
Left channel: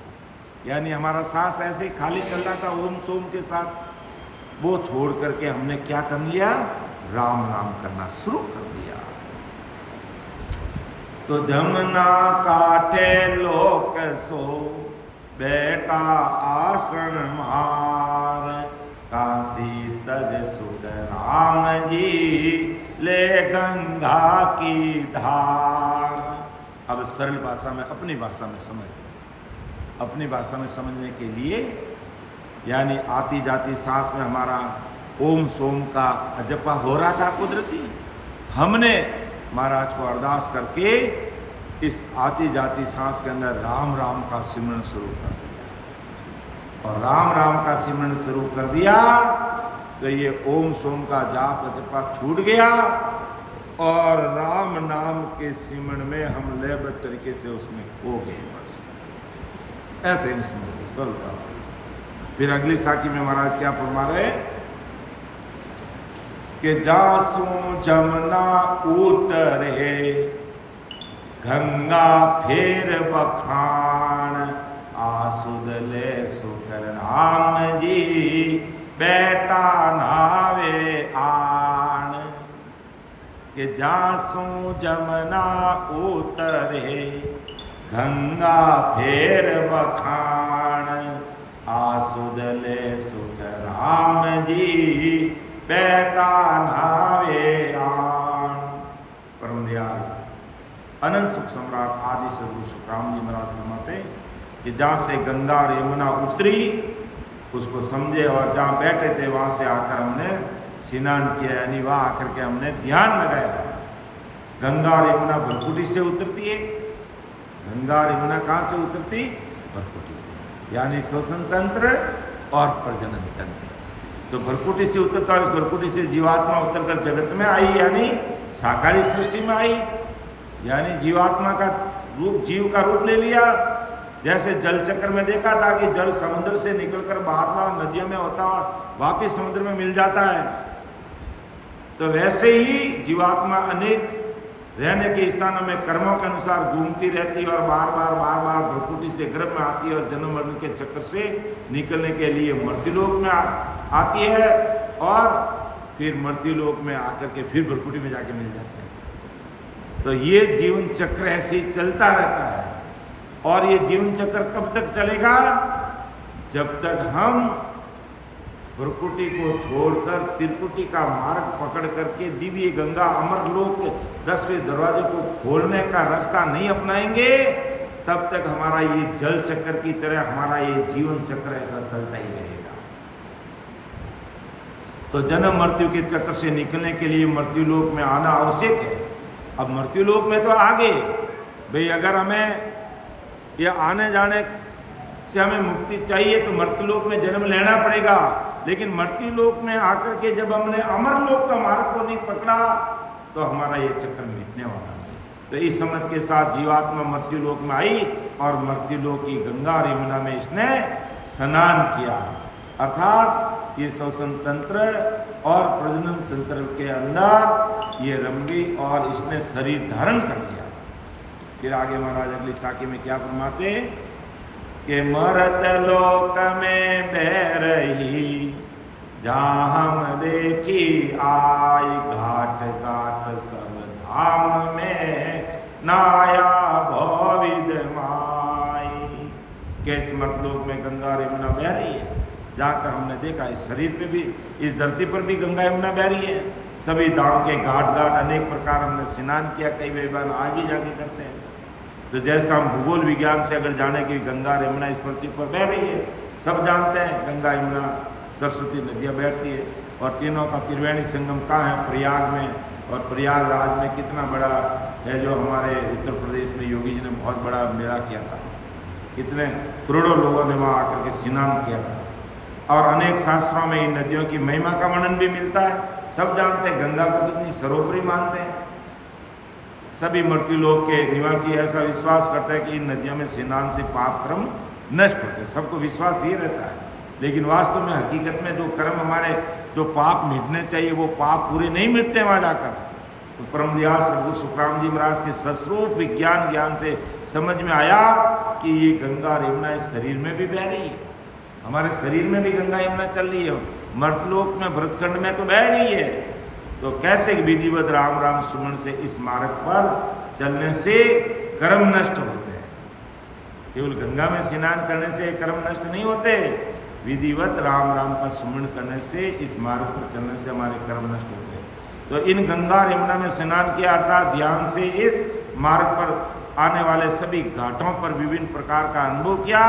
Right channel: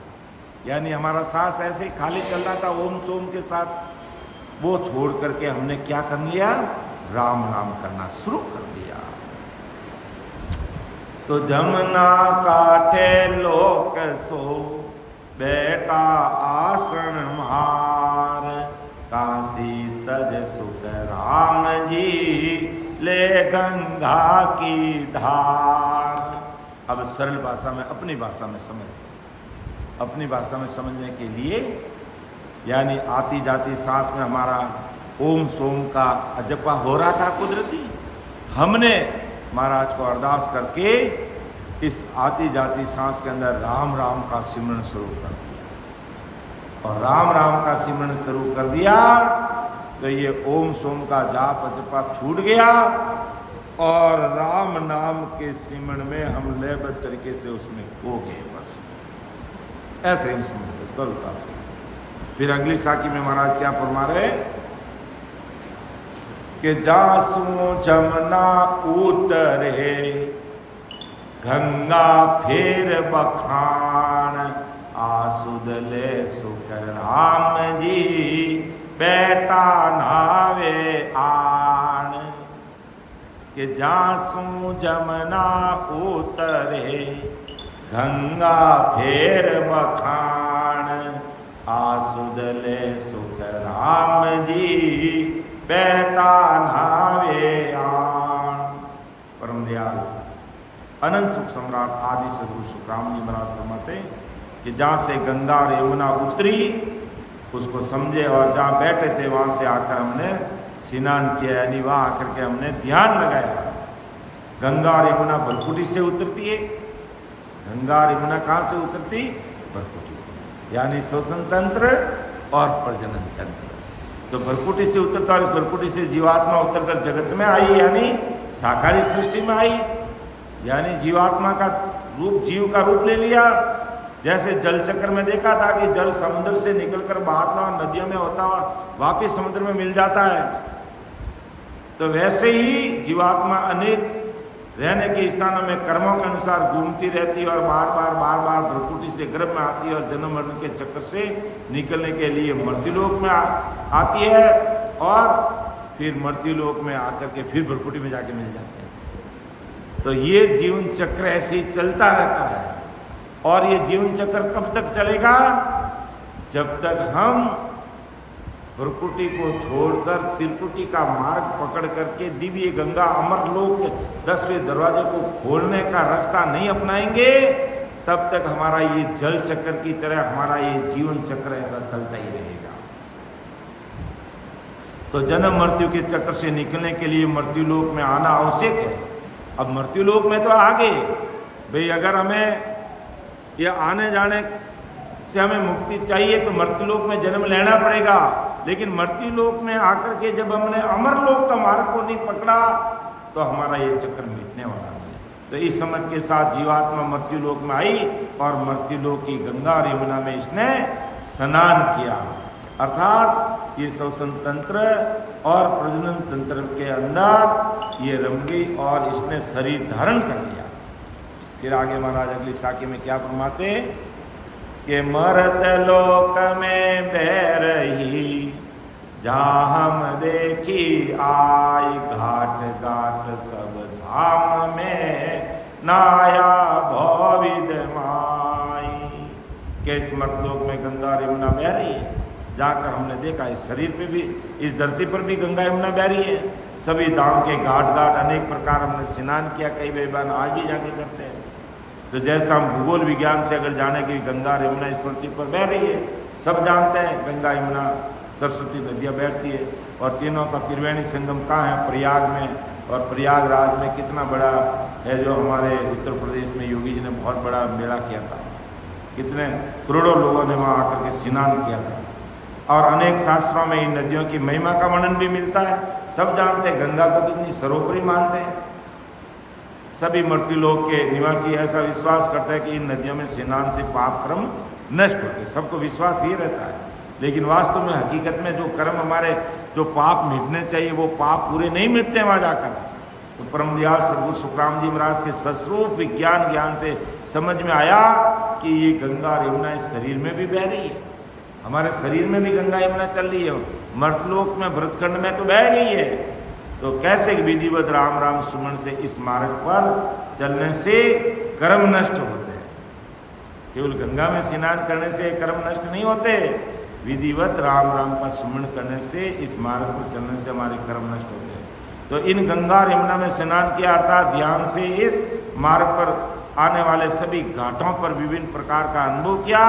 यानी हमारा सांस ऐसे ही खाली चल रहा था ओम सोम के साथ, वो छोड़ करके हमने क्या कर लिया? राम नाम करना शुरू कर दिया। तो जमुना काठे लोक सो बेटा आसन मार, काशी तज सुख राम जी ले गंगा की धार। अब सरल भाषा में अपनी भाषा में समझने के लिए, यानी आती जाती सांस में हमारा ओम सोम का अजपा हो रहा था कुदरती, हमने महाराज को अरदास करके इस आती जाती सांस के अंदर राम राम का सिमरन शुरू कर दिया। और राम राम का सिमरन शुरू कर दिया तो ये ओम सोम का जाप जपा छूट गया और राम नाम के सिमरण में हम लयबद्ध तरीके से उसमें खो गए। बस ऐसे ही समझ लो सरलता से। फिर अगली साखी में महाराज क्या फरमा रहे कि जासू जमुना उतरे गंगा फेर बखान आसुद ले सुख राम जी बेटा नावे आन। कि जासू जमुना उतरे गंगा फेर बखान आसुद ले सुख राम जी बेटा नावे आन। परम दयाल अनंत सुख सम्राट आदि सदगुरु सुखराम जी महाराज फरमाते कि जहाँ से गंगा और यमुना उतरी उसको समझे और जहाँ बैठे थे वहाँ से आकर हमने स्नान किया, यानी वहाँ आकर के हमने ध्यान लगाया। गंगा और यमुना भरकुटी से उतरती है। गंगा और यमुना कहाँ से उतरती? भरकुटी से, यानी श्वसन तंत्र और प्रजनन तंत्र। तो भरकुटी से उतरता और इस भरकुटी से जीवात्मा उतरकर जगत में आई, यानी साकारी सृष्टि में आई, यानी जीवात्मा का रूप, जीव का रूप ले लिया। जैसे जल चक्र में देखा था कि जल समुद्र से निकलकर बहाता और नदियों में होता हुआ वापिस समुद्र में मिल जाता है, तो वैसे ही जीवात्मा अनेक रहने के स्थानों में कर्मों के अनुसार घूमती रहती है और बार बार भ्रुकुटी से गर्भ में आती है और जन्म मरण के चक्कर से निकलने के लिए मृत्युलोक में आती है और फिर मृत्युलोक में आकर के फिर भ्रुकुटी में जाके मिल जाते हैं। तो ये जीवन चक्र ऐसे ही चलता रहता है। और ये जीवन चक्र कब तक चलेगा? जब तक हम भ्रुकुटी को छोड़कर त्रिकुटी का मार्ग पकड़ करके दिव्य गंगा अमरलोक 10वें दरवाजे को खोलने का रास्ता नहीं अपनाएंगे, तब तक हमारा ये जल चक्र की तरह हमारा ये जीवन चक्र ऐसा चलता ही रहेगा। तो जन्म मृत्यु के चक्र से निकलने के लिए मृत्युलोक में आना आवश्यक है। अब मृत्युलोक में तो आगे भाई, अगर हमें ये आने जाने से हमें मुक्ति चाहिए तो मृत्युलोक में जन्म लेना पड़ेगा। लेकिन मृत्युलोक में आकर के जब हमने अमरलोक का मार्ग को नहीं पकड़ा तो हमारा ये चक्र मिटने वाला है। तो इस समझ के साथ जीवात्मा मृत्युलोक में आई और मृत्युलोक की गंगा और यमुना में इसने स्नान किया, अर्थात ये श्वसन तंत्र और प्रजनन तंत्र के अंदर ये रम गई और इसने शरीर धारण कर लिया। फिर आगे महाराज अगली साखी में क्या फरमाते कि मरत लोक में बह रही जहाँ हम देखी आई घाट घाट सब धाम में नाया भविद माई। के इस मर्तलोक में गंगा और यमुना बह रही है, जाकर हमने देखा इस शरीर पे भी, इस धरती पर भी गंगा यमुना बह रही है। सभी धाम के घाट घाट अनेक प्रकार हमने स्नान किया, कई विद्वान आज भी जाके करते हैं। तो जैसा हम भूगोल विज्ञान से अगर जाने की गंगा और यमुना इस पृथ्वी पर बह रही है, सब जानते हैं गंगा यमुना सरस्वती नदियाँ बहती है और तीनों का त्रिवेणी संगम कहाँ है? प्रयाग में। और प्रयागराज में कितना बड़ा है, जो हमारे उत्तर प्रदेश में योगी जी ने बहुत बड़ा मेला किया था, कितने करोड़ों लोगों ने वहाँ आकर के स्नान किया था। और अनेक शास्त्रों में इन नदियों की महिमा का वर्णन भी मिलता है। सब जानते हैं गंगा को कितनी सर्वोपरि मानते हैं। सभी मृत्युलोक के निवासी ऐसा विश्वास करते हैं कि इन नदियों में स्नान से पाप कर्म नष्ट होते हैं। सबको विश्वास ही रहता है, लेकिन वास्तव में हकीकत में जो कर्म हमारे, जो पाप मिटने चाहिए वो पाप पूरे नहीं मिटते वहाँ जाकर। तो परम दयाल सदगुरु सुखराम जी महाराज के सस्वरूप विज्ञान ज्ञान से समझ में आया कि ये गंगा और यमुना इस शरीर में भी बह रही है, हमारे शरीर में भी गंगा यमुना चल रही है, मर्तलोक में भरतखंड में तो बह रही है। तो कैसे विधिवत राम राम सुमन से इस मार्ग पर चलने से कर्म नष्ट होते हैं। केवल गंगा में स्नान करने से कर्म नष्ट नहीं होते, विधिवत राम राम का सुमन करने से इस मार्ग पर चलने से हमारे कर्म नष्ट होते हैं। तो इन गंगा और यमुना में स्नान किया, अर्थात ध्यान से इस मार्ग पर आने वाले सभी घाटों पर विभिन्न प्रकार का अनुभव किया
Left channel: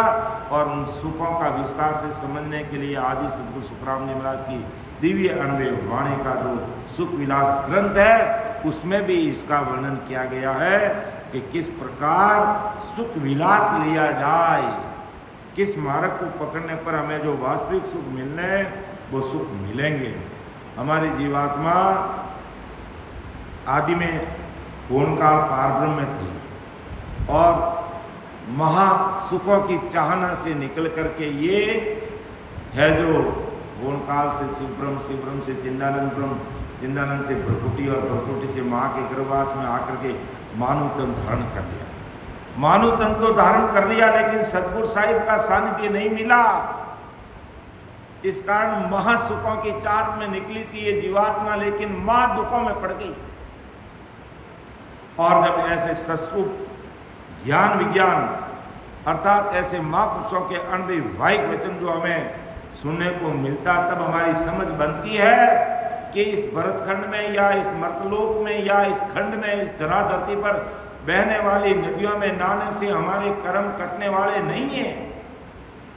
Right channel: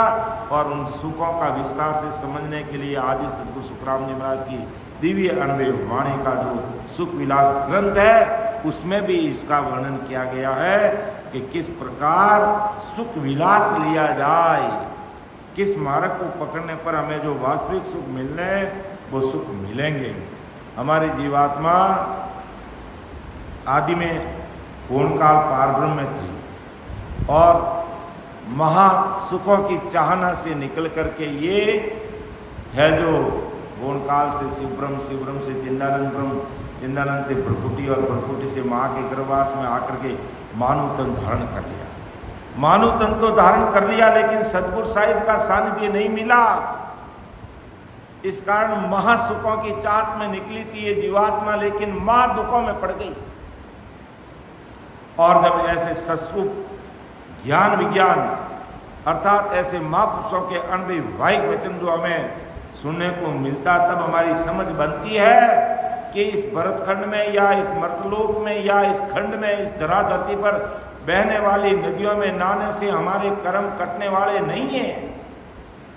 और उन सुखों का विस्तार से समझने के लिए आदि सदगुरु सुखराम जी महाराज की दिव्य अनुभव वाणी का जो सुख विलास ग्रंथ है उसमें भी इसका वर्णन किया गया है कि किस प्रकार सुख विलास लिया जाए, किस मार्ग को पकड़ने पर हमें जो वास्तविक सुख मिलने वो सुख मिलेंगे। हमारी जीवात्मा आदि में पूर्णकाल पारब्रह्म में थी और महासुखों की चाहना से निकल करके ये है जो पूर्णकाल से शिवब्रह्म, शिवब्रह्म से चिन्दानंद ब्रह्म, चिन्दानंद से प्रकृति और प्रकृति से माँ के गर्भवास में आकर के मानव तन धारण कर लिया। मानव तन तो धारण कर लिया, लेकिन सतगुरु साहिब का सानिध्य नहीं मिला। इस कारण महासुखों की चाहत में निकली थी ये जीवात्मा, लेकिन महा दुखों में पड़ गई। और जब ऐसे सस्वरूप ज्ञान विज्ञान अर्थात ऐसे महापुरुषों के अनभिवाहिक वचन जो हमें सुनने को मिलता, तब हमारी समझ बनती है कि इस भरतखंड में या इस मर्तलोक में या इस खंड में, इस धरा धरती पर बहने वाली नदियों में नहाने से हमारे कर्म कटने वाले नहीं हैं।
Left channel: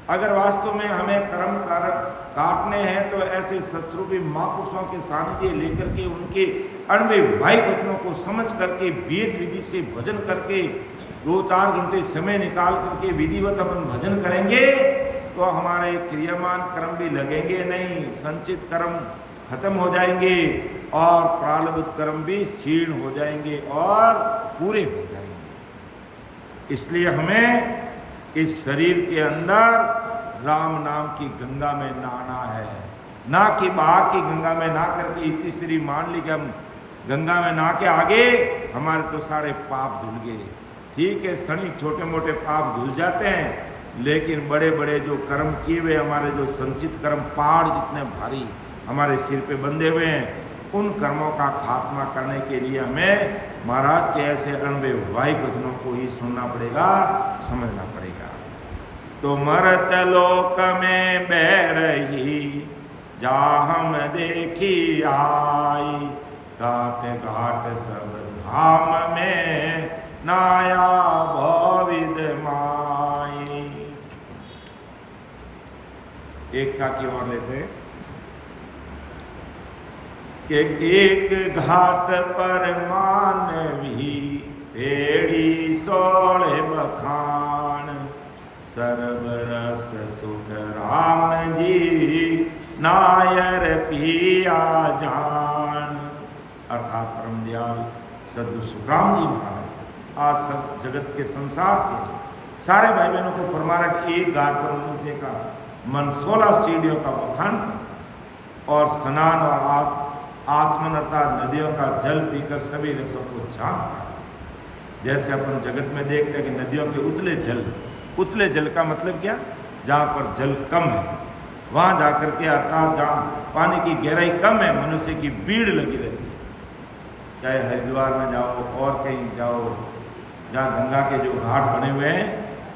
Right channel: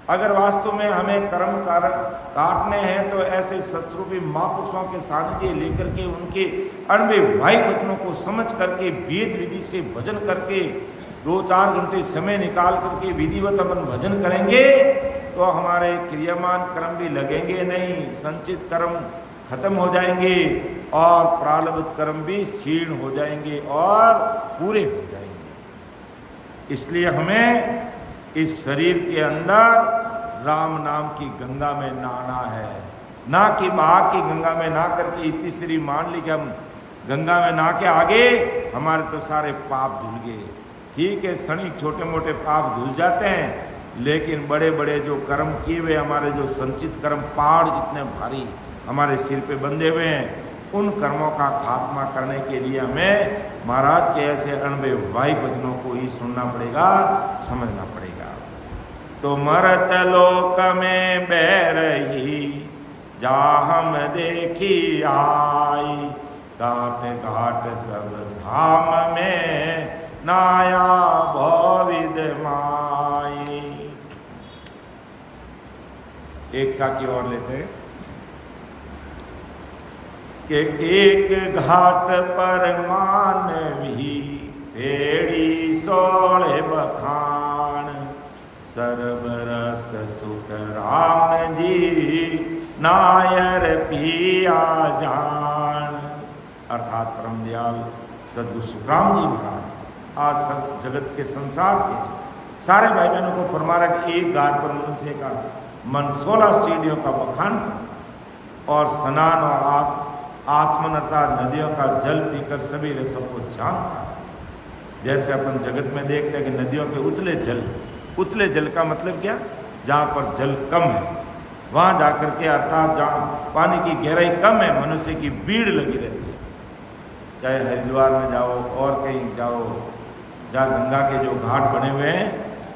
अगर वास्तव में हमें कर्म काटने हैं तो ऐसे सत्स्वरूपी महापुरुषों के सानिध्य लेकर के उनके अनभिवाहिक वचनों को समझ करके वेद विधि से भजन करके 2-4 घंटे समय निकाल करके विधिवत अपन भजन करेंगे तो हमारे क्रियामान कर्म भी लगेंगे नहीं, संचित कर्म खत्म हो जाएंगे और प्रारब्ध कर्म भी क्षीण हो जाएंगे और पूरे हो जाएंगे। इसलिए हमें इस शरीर के अंदर राम नाम की गंगा में नहाना है, ना कि बाहर की गंगा में नहा करके इतनी श्री मान ली कि हम गंगा में नहा के आगे हमारे तो सारे पाप धुल गए। ठीक है, क्षणिक छोटे मोटे पाप धुल जाते हैं, लेकिन बड़े बड़े जो कर्म किए हुए हमारे जो संचित कर्म पहाड़ जितने भारी हमारे सिर पे बंधे हुए हैं, उन कर्मों का खात्मा करने के लिए हमें महाराज के ऐसे अनभिवाहिक वचनों को ही सुनना पड़ेगा, समझना पड़ेगा। तो मरत लोक में बह रही जा हम देखी आई, घाट घाट सब धाम में नाया भविद माई। एक साखी और लेते हैं कि एक घाट पर मानवी पेड़ी सोले बखान, सर्वरस सुख राम जी नायर पिया जान। अर्थात परम दयाल सद्गुरु सुखराम जी महाराज आज सब जगत के संसार के सारे भाई बहनों को फरमा रहा कि एक घाट पर मनुष्य का मन 16 सीढ़ियों का बखान कर और स्नान और आत्मन अर्थात नदियों का जल पीकर सभी रसों को जानता। जैसे अपन जगत में देखते हैं कि नदियों के उतले जल का मतलब क्या, जहाँ पर जल कम है वहाँ जाकर के अर्थात जहाँ पानी की गहराई कम है मनुष्य की भीड़ लगी रहती है। चाहे हरिद्वार में जाओ और कहीं जाओ, जहाँ गंगा के जो घाट बने हुए हैं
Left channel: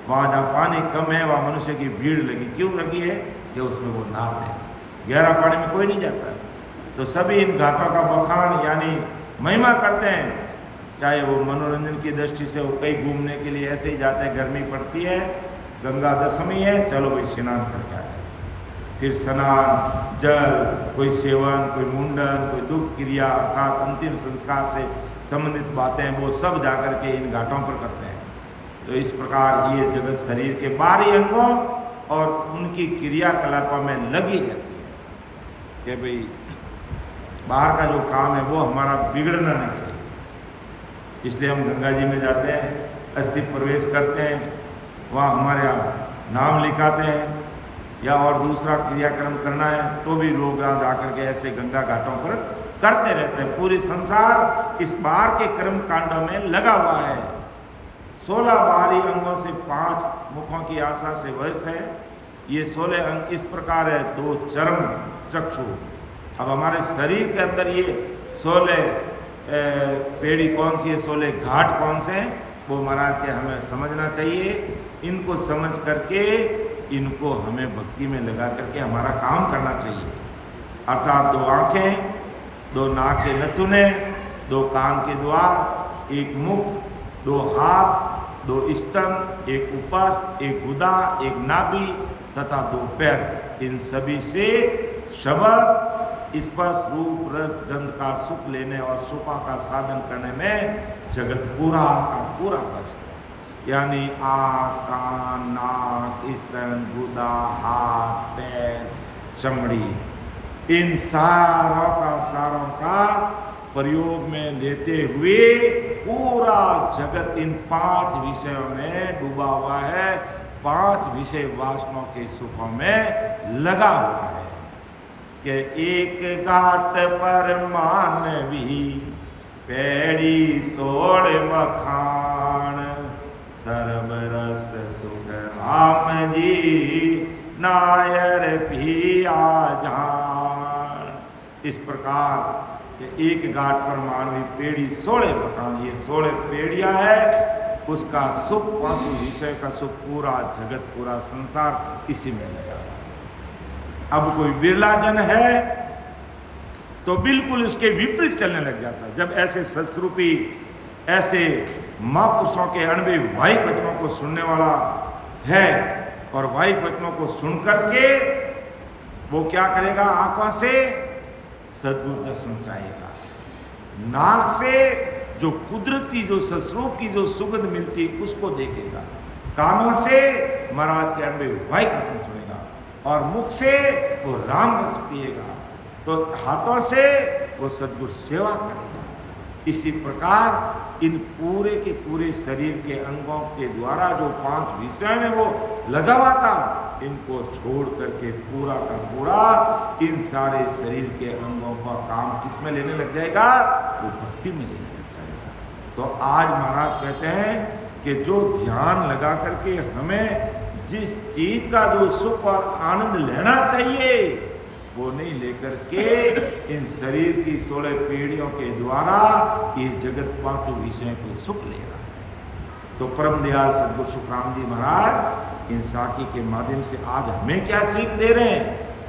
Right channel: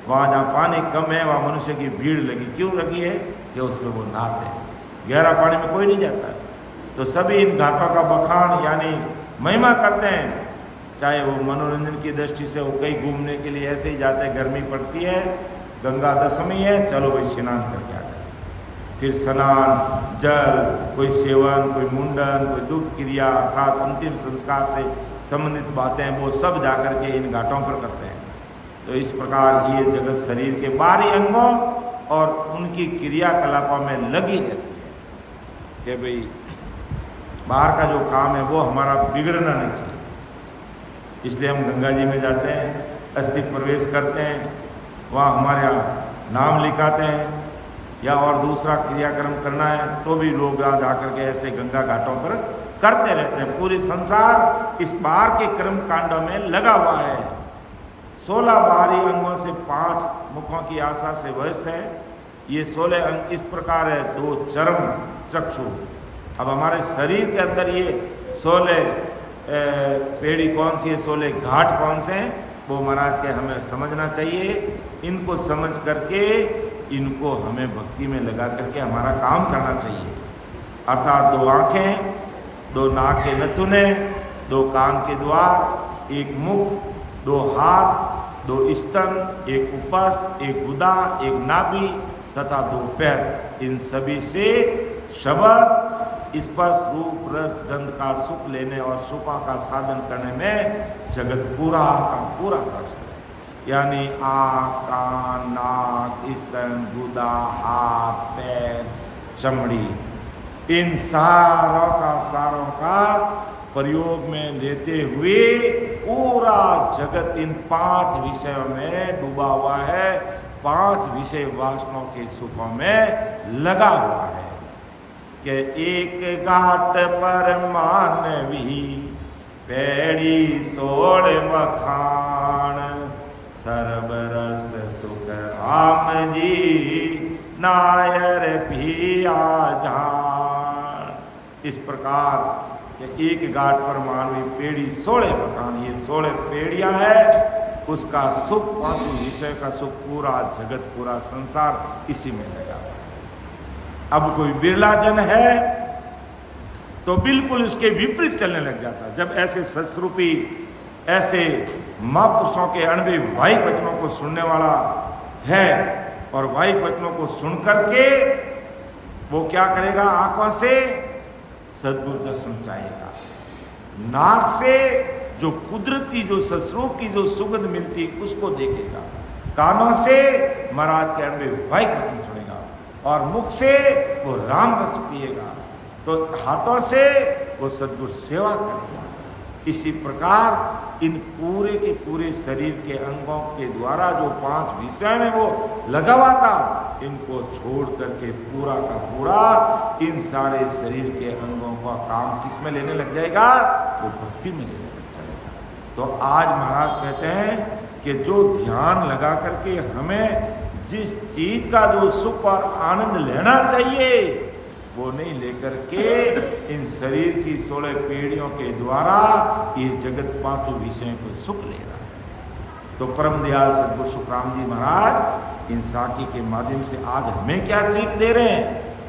वहाँ जहाँ पानी कम है वहाँ मनुष्य की भीड़ लगी। क्यों लगी है कि उसमें वो नहाते हैं, गहरा पानी में कोई नहीं जाता है। तो सभी इन घाटों का बखान यानी महिमा करते हैं। चाहे वो मनोरंजन की दृष्टि से वो कहीं घूमने के लिए ऐसे ही जाते हैं, गर्मी पड़ती है, गंगा दशमी है, चलो भाई स्नान करके आते हैं। फिर स्नान, जल, कोई सेवन, कोई मुंडन, कोई दुग्ध क्रिया अर्थात अंतिम संस्कार से संबंधित बातें वो सब जाकर के इन घाटों पर करते हैं। तो इस प्रकार ये जगत शरीर के बाहरी अंगों और उनकी क्रियाकलापों में लगी रहती है कि भाई बाहर का जो काम है वो हमारा बिगड़ना नहीं चाहिए। इसलिए हम गंगा जी में जाते हैं, अस्थि प्रवेश करते हैं, वहाँ हमारे यहाँ नाम लिखाते हैं या और दूसरा क्रियाक्रम करना है तो भी लोग यहाँ जाकर के ऐसे गंगा घाटों पर करते रहते हैं। पूरी संसार इस बाहर के कर्म कांडों में लगा हुआ है। 16 बाहरी अंगों से 5 मुखों की आशा से व्यस्त है। ये 16 अंग इस प्रकार है, 2 चरम चक्षु। अब हमारे शरीर के अंदर ये 16 पेड़ी कौन सी है, 16 घाट कौन से हैं, वो महाराज के हमें समझना चाहिए। इनको समझ करके इनको हमें भक्ति में लगा करके हमारा काम करना चाहिए। अर्थात 2 आँखें, 2 नाक के नथुने, 2 कान के द्वार, 1 मुख, 2 हाथ, 2 स्तन, 1 उपस्थ, 1 गुदा, 1 नाभि तथा 2 पैर। इन सभी से शब्द स्पर्श रूप रस गंध का सुख लेने और सुखों का साधन करने में जगत पूरा का पूरा व्यस्त है। यानी आँख, कान, नाक, स्तन, गुदा, हाथ, पैर, चमड़ी, इन सारों का प्रयोग में लेते हुए पूरा जगत इन 5 विषयों में डूबा हुआ है, 5 विषय वासनाओं के सुखों में लगा हुआ है। कि एक घाट पर मानवी पेड़ी सोड़ मखान, सर्वरस सुख राम जी नायर पिया जान। इस प्रकार एक घाट पर मानवी पेड़ी सोड़े मकान, ये 16 पेड़ियां है, उसका सुख 5 विषय का सुख पूरा जगत पूरा संसार इसी में लगा हुआ है। अब कोई बिरला जन है तो बिल्कुल उसके विपरीत चलने लग जाता है। जब ऐसे सत्स्वरूपी ऐसे महापुरुषों के अणवे वाहिक वचनों को सुनने वाला है और वाहिक वचनों को सुन करके वो क्या करेगा, आंखों से सद्गुरु दर्शन चाहेगा, नाक से जो कुदरती जो सस्वरूप की जो सुगंध मिलती उसको देखेगा, कानों से महाराज के अणवे वाहिक वचन सुनेगा और मुख से वो राम रस पिएगा, तो हाथों से वो सद्गुरु सेवा करेगा। इसी प्रकार इन पूरे के पूरे शरीर के अंगों के द्वारा जो 5 विषय में वो लगा हुआ था, इनको छोड़ करके पूरा का पूरा इन सारे शरीर के अंगों का काम किसमें लेने लग जाएगा, वो भक्ति में लेने लग जाएगा। तो आज महाराज कहते हैं कि जो ध्यान लगा करके हमें जिस चीज का जो सुख और आनंद लेना चाहिए वो नहीं लेकर के इन शरीर की 16 पीढ़ियों के द्वारा ये जगत 5 विषयों को सुख ले रहा है। तो परम दयाल सद्गुरु सुखराम जी महाराज इन साखी के माध्यम से आज हमें क्या सीख दे रहे हैं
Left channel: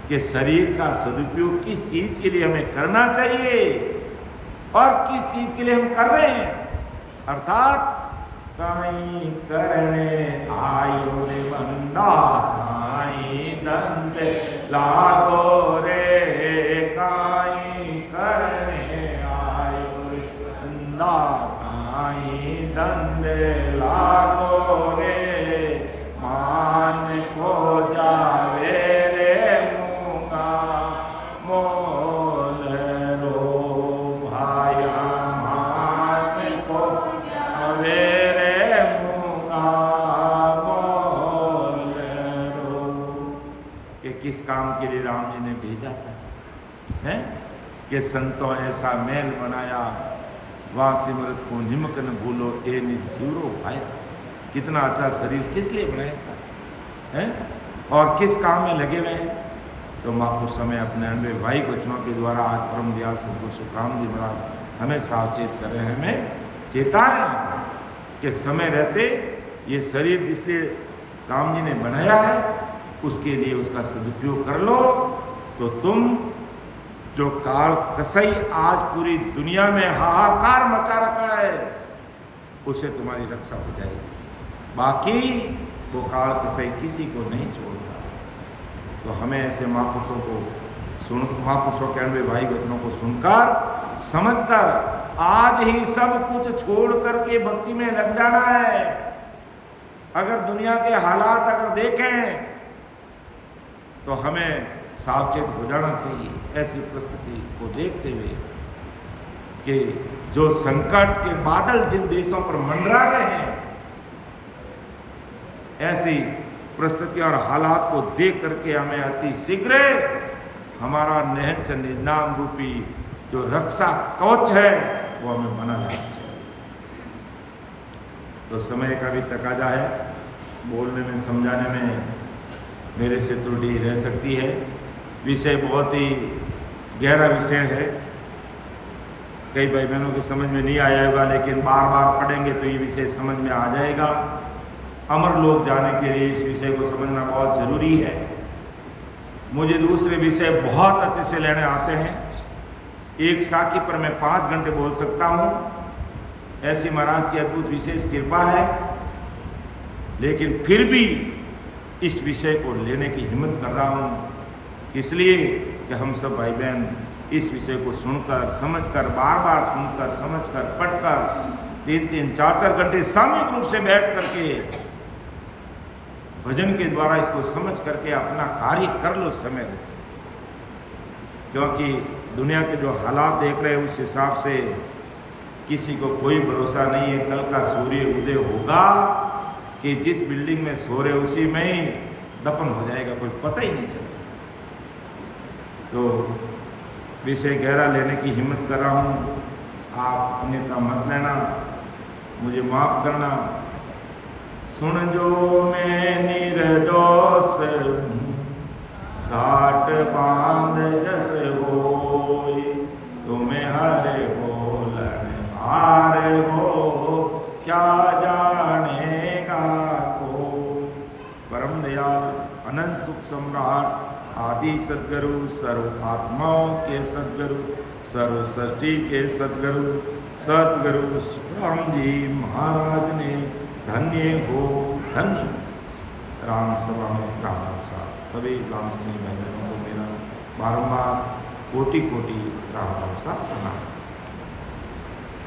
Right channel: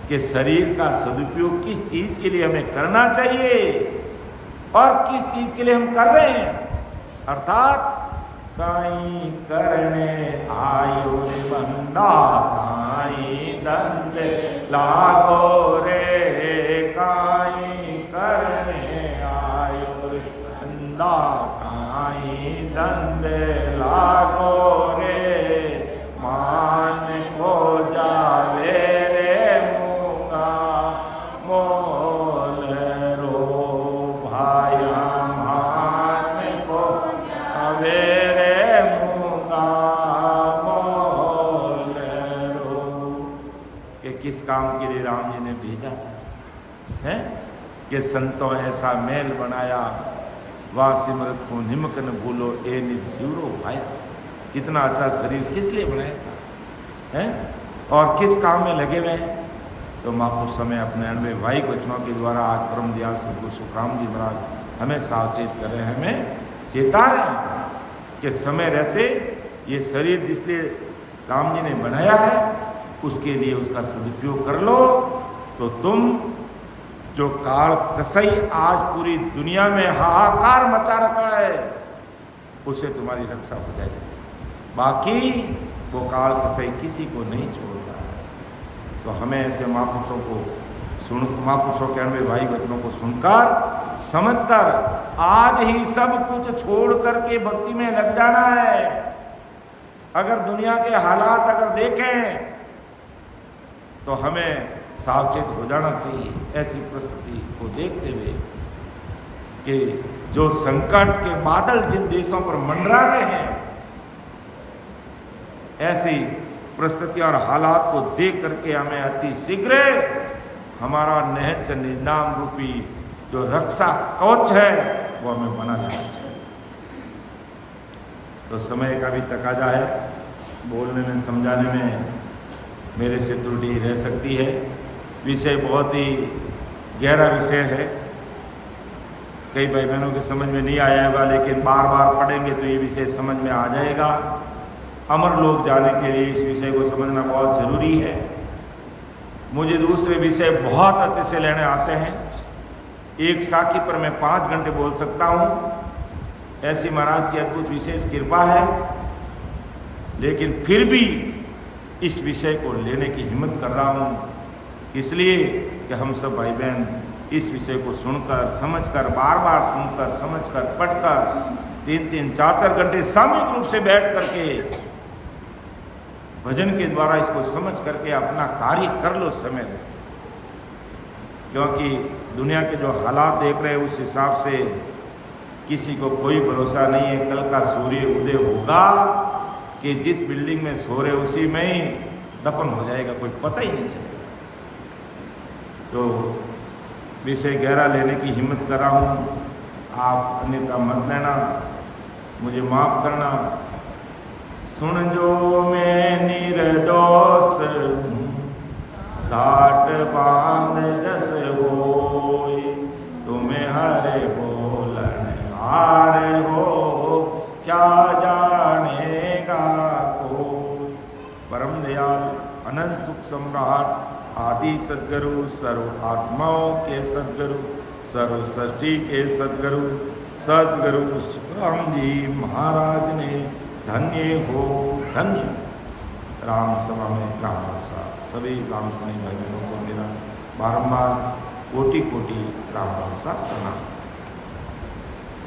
कि शरीर का सदुपयोग किस चीज के लिए हमें करना चाहिए और किस चीज के लिए हम कर रहे हैं। अर्थात काई करने आयो रे बंदा, काई दंड लागो रे, काई करने आयो रे बंदा, काई दंड लागो रे, मान को जावे रे मूंगा मोल रो भाया, मान को जावे किस काम के लिए राम जी ने भेजा था, है कि संतों ऐसा मेल बनाया, वाह सिमरत को निमक न भूलो ए निजीरो भाया। कितना अच्छा शरीर किस लिए बनाया था, है और किस काम में लगे हुए हैं। तो महापुरुष समय अपने अनवे वाहिक वचनों के द्वारा आज परम दयाल सद्गुरु सुखराम जी महाराज हमें सावचेत कर रहे हैं, हमें चेता रहे हैं कि समय रहते ये शरीर जिसलिए राम जी ने बनाया है उसके लिए उसका सदुपयोग कर लो, तो तुम जो काल कसई आज पूरी दुनिया में हाहाकार मचा रखा है उसे तुम्हारी रक्षा हो जाएगी। बाकी वो काल कसई किसी को नहीं छोड़ रहा है। तो हमें ऐसे महापुरुषों को महापुरुषों के अनवे वाहिक वचनों को सुनकर समझकर आज ही सब कुछ छोड़ करके भक्ति में लग जाना है। अगर दुनिया के हालात अगर देखें तो हमें सावचेत हो जाना चाहिए ऐसी परिस्थिति को देखते हुए कि जो संकट के बादल जिन देशों पर मंडरा रहे हैं, ऐसी परिस्थितियां और हालात को देख करके हमें अति शीघ्र हमारा निहत निजाम रूपी जो रक्षा कवच है वो हमें बना लेना चाहिए। तो समय का भी तकाजा है, बोलने में समझाने में मेरे से त्रुटि रह सकती है। विषय बहुत ही गहरा विषय है, कई भाई बहनों के समझ में नहीं आया होगा, लेकिन बार बार पढ़ेंगे तो ये विषय समझ में आ जाएगा। अमर लोग जाने के लिए इस विषय को समझना बहुत ज़रूरी है। मुझे दूसरे विषय बहुत अच्छे से लेने आते हैं, एक साखी पर मैं 5 घंटे बोल सकता हूँ, ऐसी महाराज की अद्भुत विशेष कृपा है। लेकिन फिर भी इस विषय को लेने की हिम्मत कर रहा हूँ इसलिए कि हम सब भाई बहन इस विषय को सुनकर समझकर बार बार सुनकर समझकर पढ़कर 3-3 4-4 घंटे सामूहिक रूप से बैठ करके भजन के द्वारा इसको समझ करके अपना कार्य कर लो समय। क्योंकि दुनिया के जो हालात देख रहे हैं उस हिसाब से किसी को कोई भरोसा नहीं है कल का सूर्य उदय होगा कि जिस बिल्डिंग में सो रहे उसी में ही दफन हो जाएगा, कोई पता ही नहीं चलेगा। तो विषय गहरा लेने की हिम्मत कर रहा हूँ, आप अन्यथा मत लेना, मुझे माफ़ करना। सुन जो मैं निर्दोष घाट बांध जस होय, तुम्हें हरे बोलन हारे हो क्या जानेगा कोई। परम दयाल अनंत सुख सम्राट आदि सद्गुरु, सर्व आत्माओं के सद्गुरु, सर्व सृष्टि के सद्गुरु सद्गुरु सुखराम जी महाराज ने धन्य हो धन्य। राम सभा में राम राम साहब सभी राम स्नेही भाई बहनों को मेरा बारंबार कोटि कोटि राम राम साहब प्रणाम।